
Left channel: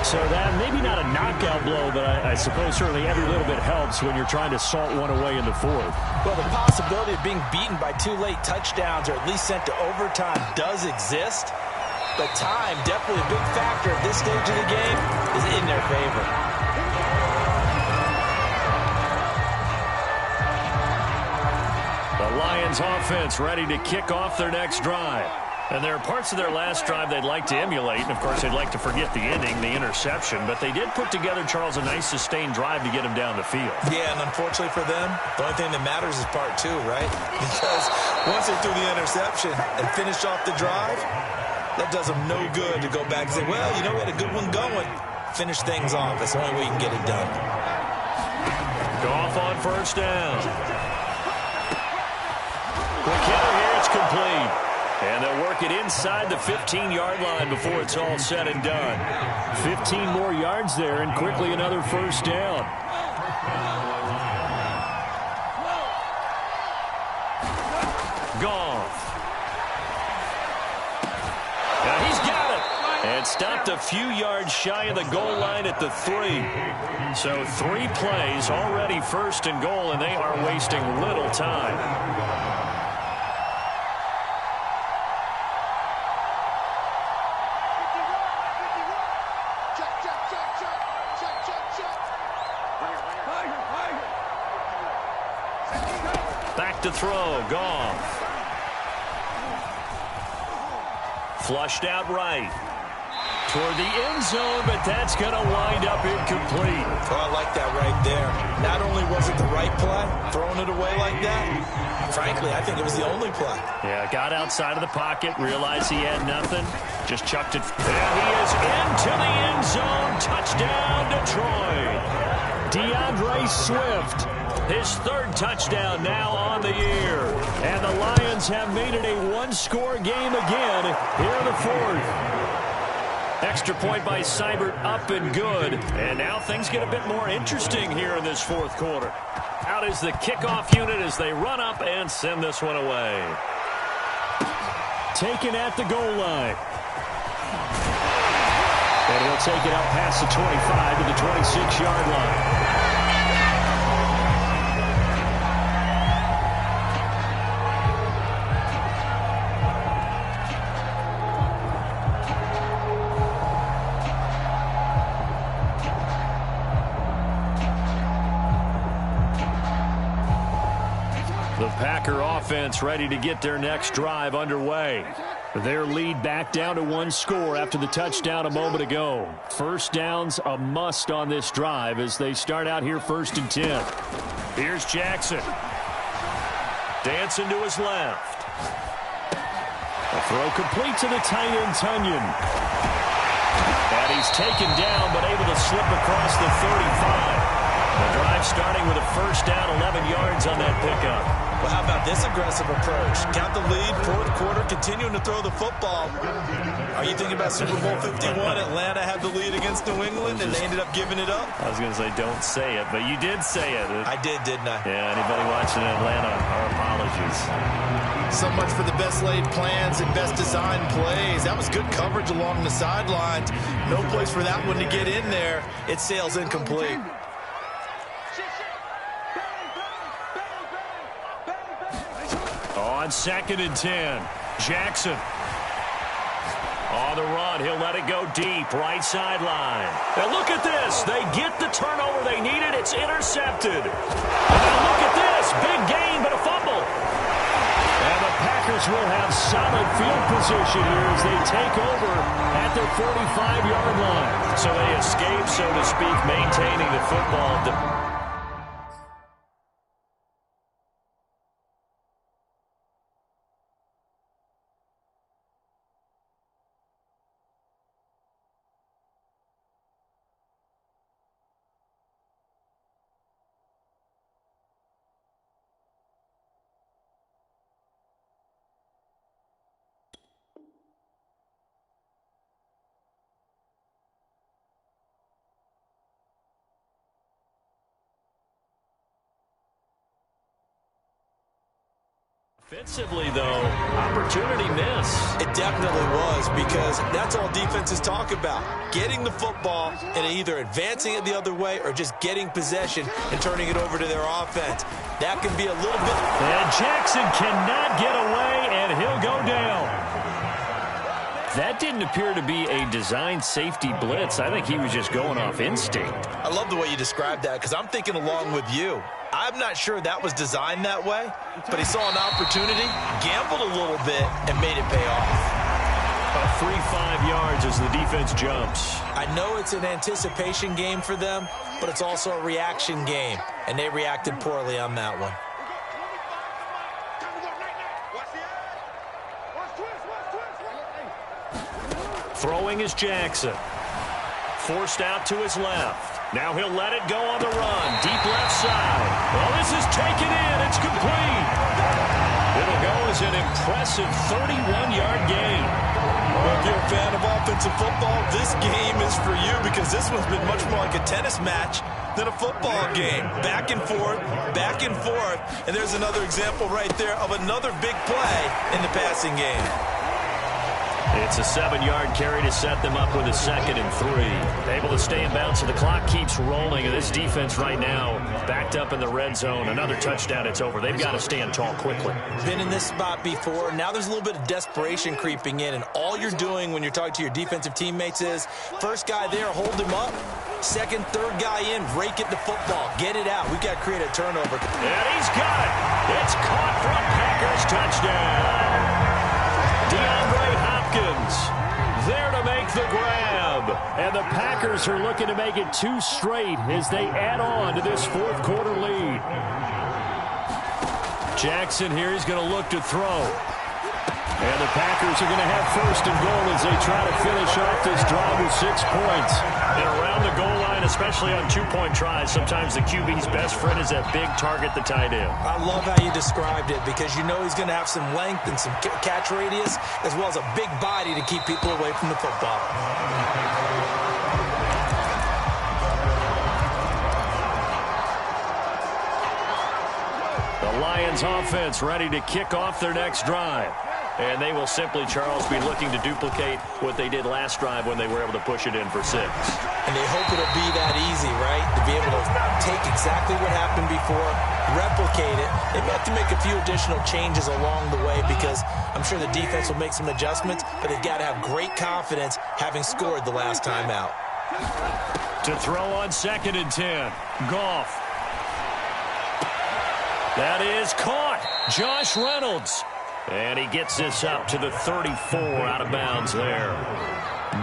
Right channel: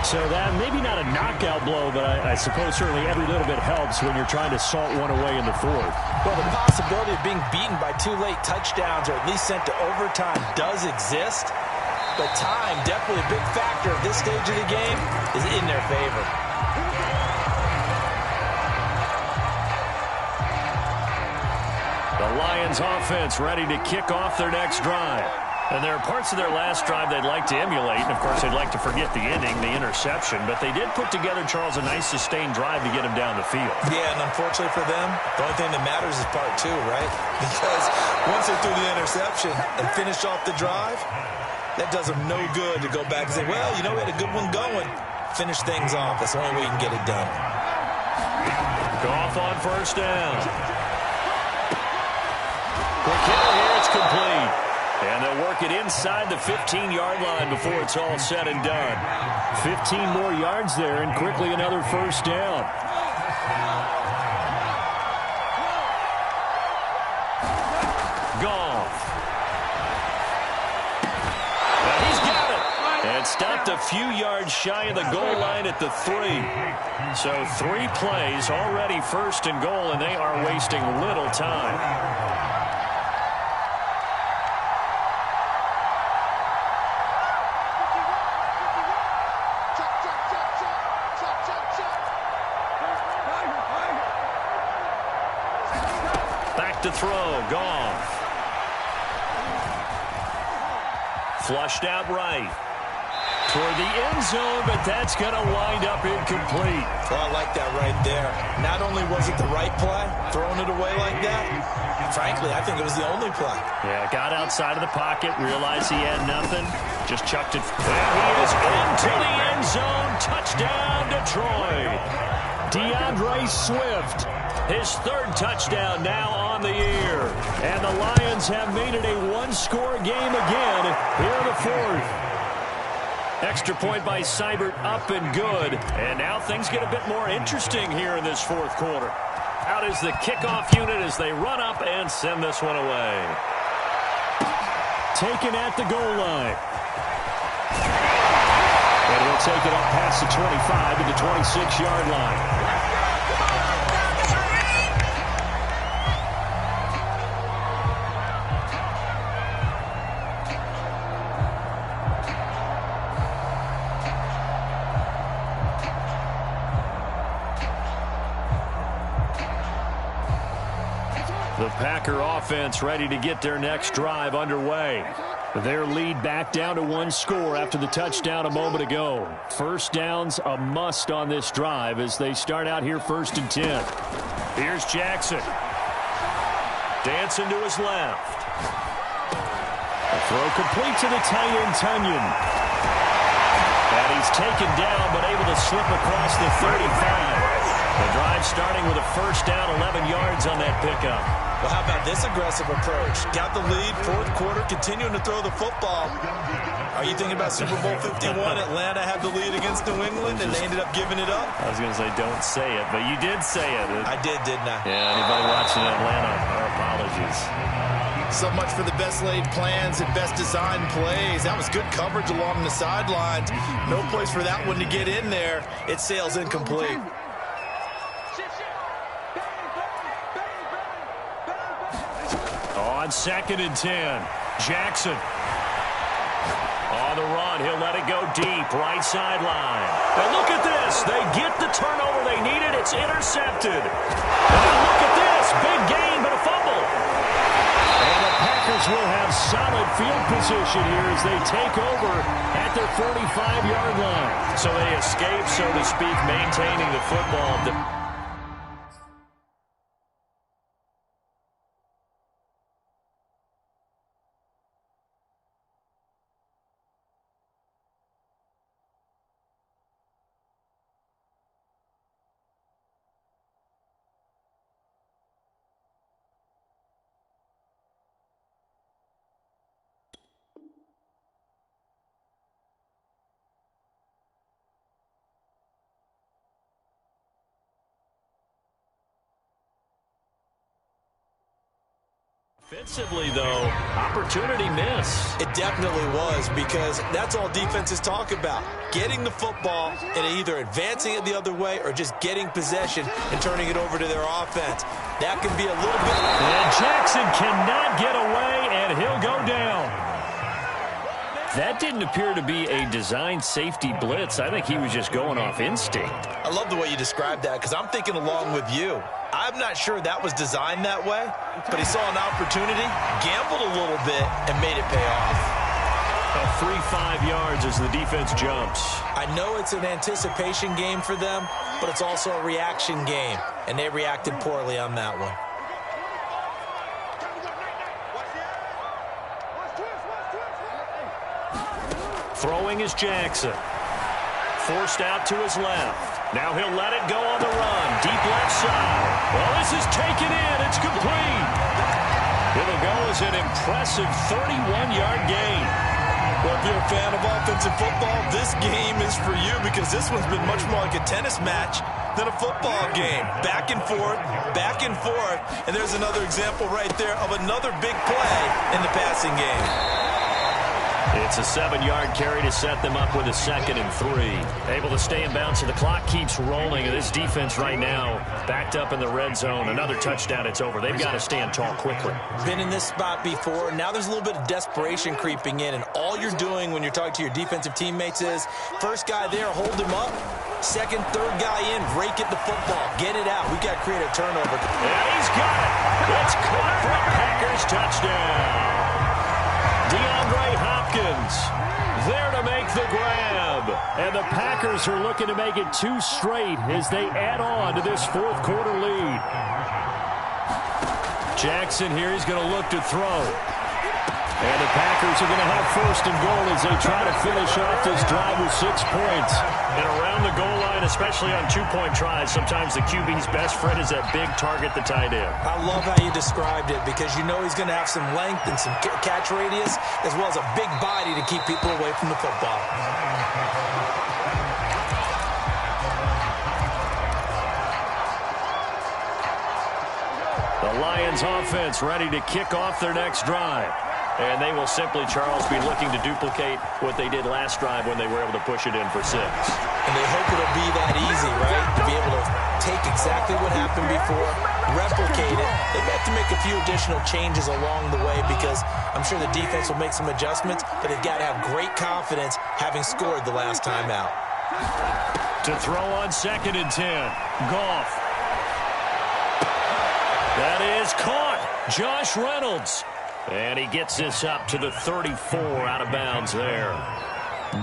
So that maybe not a knockout blow, but I suppose certainly every little bit helps when you're trying to salt one away in the 4th. Well, the possibility of being beaten by 2 late touchdowns or at least sent to overtime does exist, but time, definitely a big factor at this stage of the game, is in their favor. The Lions offense ready to kick off their next drive. And there are parts of their last drive they'd like to emulate, and of course they'd like to forget the ending, the interception, but they did put together, Charles, a nice sustained drive to get him down the field. Yeah, and unfortunately for them, the only thing that matters is part 2, right? Because once they threw the interception and finished off the drive, that does them no good to go back and say, well, you know, we had a good one going. Finish things off. That's the only way you can get it done. Goff on first down. Quick hitter here, it's complete. And they'll work it inside the 15-yard line before it's all said and done. 15 more yards there, and quickly another first down. Goff. Now he's got it. And stopped a few yards shy of the goal line at the 3. So 3 plays, already 1st and goal, and they are wasting little time. back to throw. Goff. Flushed out right. Toward the end zone, but that's going to wind up incomplete. Oh, I like that right there. Not only was it the right play, throwing it away like that, frankly, I think it was the only play. Yeah, got outside of the pocket, realized he had nothing, just chucked it. And he is into the end zone. Touchdown, Detroit. DeAndre Swift, his third touchdown now on the year. And the Lions have made it a one-score game again here in the fourth. Extra point by Seibert, up and good. And now things get a bit more interesting here in this fourth quarter. Out is the kickoff unit as they run up and send this one away. Taken at the goal line. And he'll take it up past the 25 to the 26-yard line. The Packer offense ready to get their next drive underway. Their lead back down to one score after the touchdown a moment ago. First down's a must on this drive as they start out here 1st and 10. Here's Jackson. Dancing to his left. A throw complete to the tight end, Tunyon. And he's taken down but able to slip across the 35. The drive starting with a first down, 11 yards on that pickup. Well, how about this aggressive approach? Got the lead, fourth quarter, continuing to throw the football. Are you thinking about Super Bowl 51? Atlanta had the lead against New England, and they ended up giving it up? I was going to say don't say it, but you did say it. I did, didn't I? Yeah, anybody watching Atlanta, our apologies. So much for the best laid plans and best designed plays. That was good coverage along the sidelines. No place for that one to get in there. It sails incomplete. On 2nd and 10, Jackson. On the run, he'll let it go deep, right sideline. And look at this. They get the turnover they needed. It's intercepted. And now look at this. Big gain, but a fumble. And the Packers will have solid field position here as they take over at their 45-yard line. So they escape, so to speak, maintaining the football. Offensively, though, opportunity miss. It definitely was, because that's all defenses talk about. Getting the football and either advancing it the other way or just getting possession and turning it over to their offense. That can be a little bit... And Jackson cannot get away, and he'll go down. That didn't appear to be a designed safety blitz. I think he was just going off instinct. I love the way you described that, because I'm thinking along with you. I'm not sure that was designed that way, but he saw an opportunity, gambled a little bit, and made it pay off. A 3-5 yards as the defense jumps. I know it's an anticipation game for them, but it's also a reaction game, and they reacted poorly on that one. Throwing is Jackson. Forced out to his left. Now he'll let it go on the run. Deep left side. Well, this is taken in. It's complete. It'll go as an impressive 31-yard gain. Well, if you're a fan of offensive football, this game is for you, because this one's been much more like a tennis match than a football game. Back and forth, and there's another example right there of another big play in the passing game. It's a 7-yard carry to set them up with a 2nd and 3. Able to stay in bounds, so the clock keeps rolling. And this defense right now backed up in the red zone. Another touchdown, it's over. They've got to stand tall quickly. Been in this spot before. Now there's a little bit of desperation creeping in. And all you're doing when you're talking to your defensive teammates is, first guy there, hold him up. Second, third guy in, rake at the football. Get it out. We got to create a turnover. And he's got it. It's caught for a Packers touchdown. DeAndre Hopkins there to make the grab. And the Packers are looking to make it 2 straight as they add on to this 4th quarter lead. Jackson here, he's going to look to throw. And the Packers are going to have 1st and goal as they try to finish off this drive with 6 points. And around the goal line, especially on 2-point tries, sometimes the QB's best friend is that big target, the tight end. I love how you described it because you know he's going to have some length and some catch radius as well as a big body to keep people away from the football. The Lions offense ready to kick off their next drive. And they will simply, Charles, be looking to duplicate what they did last drive when they were able to push it in for 6. And they hope it'll be that easy, right? To be able to take exactly what happened before, replicate it. They may have to make a few additional changes along the way because I'm sure the defense will make some adjustments, but they've got to have great confidence having scored the last time out. To throw on 2nd and 10. Goff. That is caught. Josh Reynolds. And he gets this up to the 34 out of bounds there.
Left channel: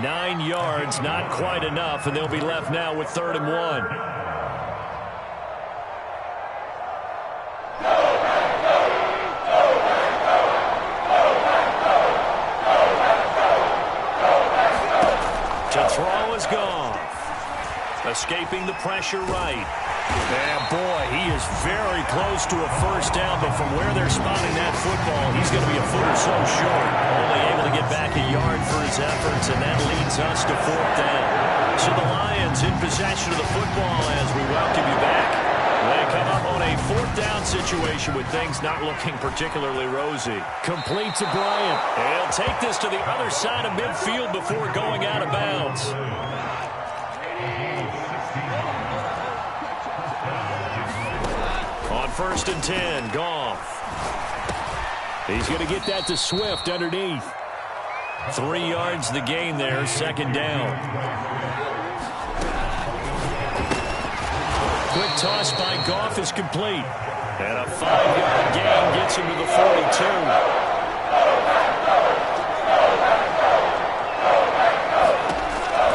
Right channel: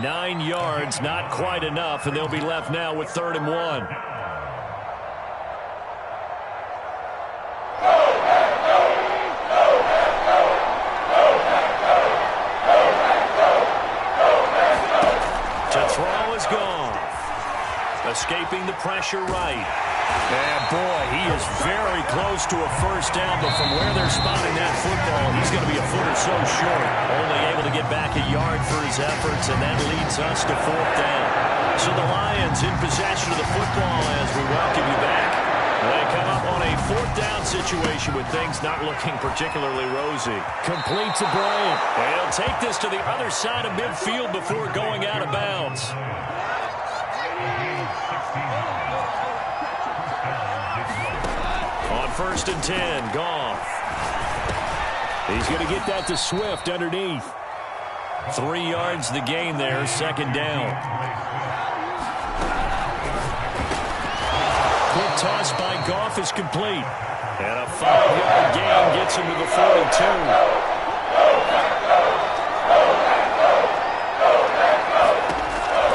9 yards, not quite enough, and they'll be left now with 3rd and 1. To throw is Goff. Escaping the pressure right. And boy, he is very close to a 1st down, but from where they're spotting that football, he's going to be a foot or so short. Only able to get back a yard for his efforts, and that leads us to 4th down. So the Lions in possession of the football as we welcome you back. They come up on a 4th down situation with things not looking particularly rosy. Complete to Bryant. And he'll take this to the other side of midfield before going out of bounds. On 1st and 10, Goff. He's going to get that to Swift underneath. 3 yards the gain there, 2nd down. Quick toss by Goff is complete. And a 5-yard gain gets him to the 42.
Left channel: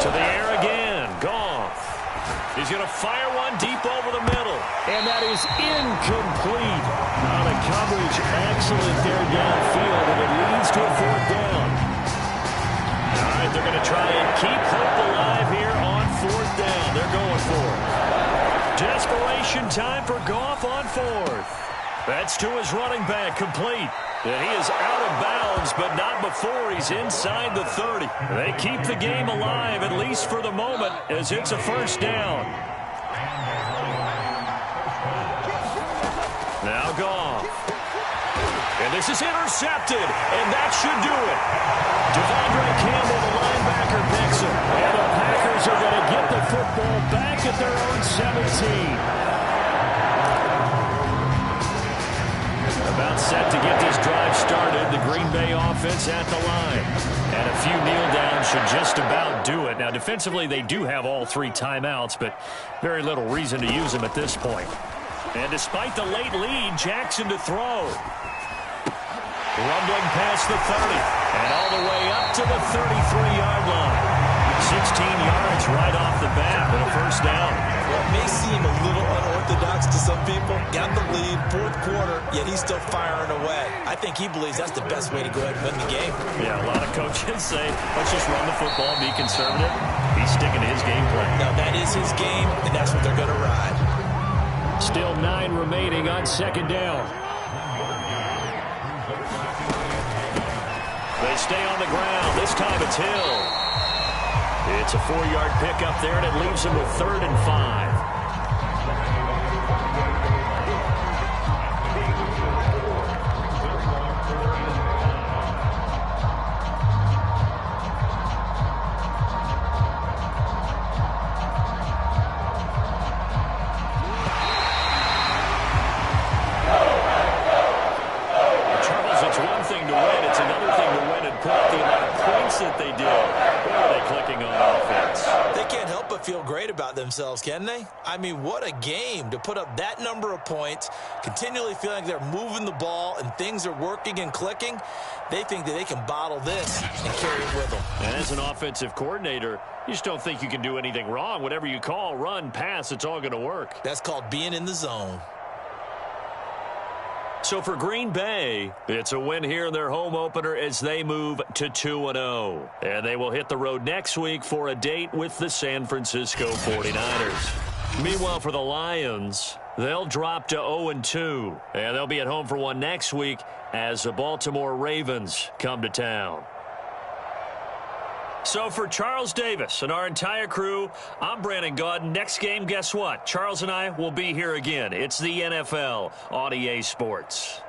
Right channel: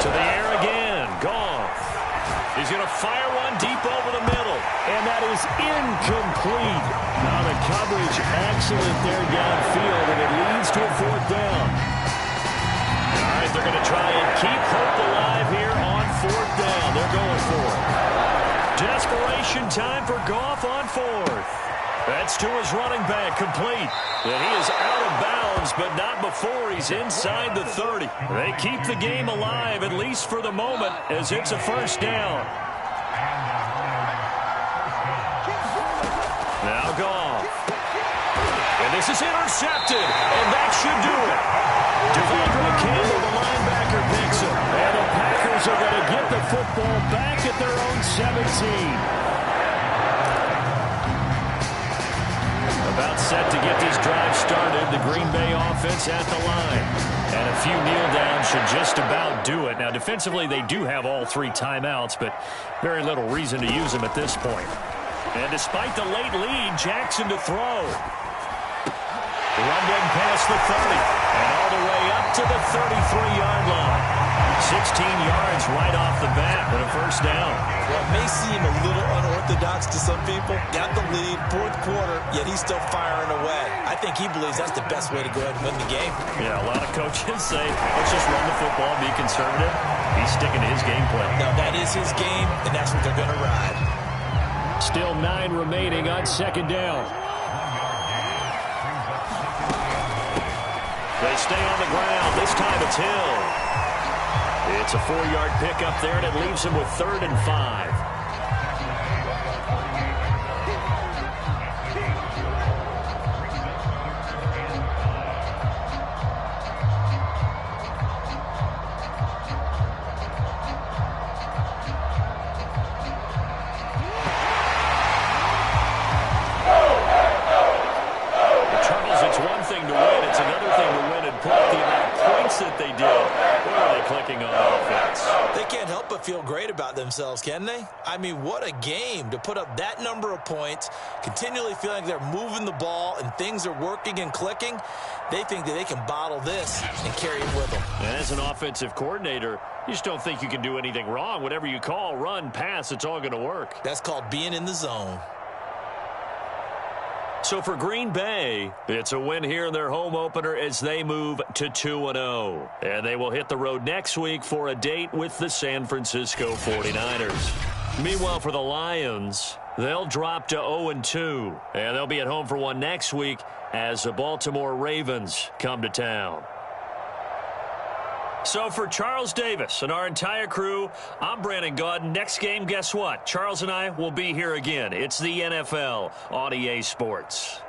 To the air again, Goff. He's going to fire one deep over the middle. And that is incomplete. Now the coverage excellent there downfield, and it leads to a 4th down. All right, they're going to try and keep hope alive here on 4th down. They're going for it. Desperation time for Goff on 4th. That's to his running back, complete. And he is out of bounds, but not before he's inside the 30. They keep the game alive, at least for the moment, as it's a 1st down. Now Goff. And this is intercepted, and that should do it. Devondre Campbell, the linebacker, picks him. And the Packers are going to get the football back at their own 17. About set to get this drive started. The Green Bay offense at the line. And a few kneel downs should just about do it. Now, defensively, they do have all 3 timeouts, but very little reason to use them at this point. And despite the late lead, Jackson to throw. Rumbling past the 30. And all the way up to the 33-yard line. 16 yards right off the bat and a 1st down. Well, it may seem a little unorthodox to some people. Got the lead, 4th quarter, yet he's still firing away. I think he believes that's the best way to go ahead and win the game. Yeah, a lot of coaches say, let's just run the football, be conservative. He's sticking to his game plan. No, that is his game, and that's what they're going to ride. Still 9 remaining on 2nd down. They stay on the ground. This time it's Hill. It's a 4-yard pickup there, and it leaves him with 3rd and 5. clicking on offense. They can't help but feel great about themselves, can they? I mean, what a game to put up that number of points, continually feeling like they're moving the ball and things are working and clicking. They think that they can bottle this and carry it with them. And as an offensive coordinator, you just don't think you can do anything wrong. Whatever you call, run, pass, it's all going to work. That's called being in the zone. So for Green Bay, it's a win here in their home opener as they move to 2-0. And they will hit the road next week for a date with the San Francisco 49ers. Meanwhile, for the Lions, they'll drop to 0-2. And they'll be at home for one next week as the Baltimore Ravens come to town. So for Charles Davis and our entire crew, I'm Brandon Gaudin. Next game, guess what? Charles and I will be here again. It's the NFL on EA Sports.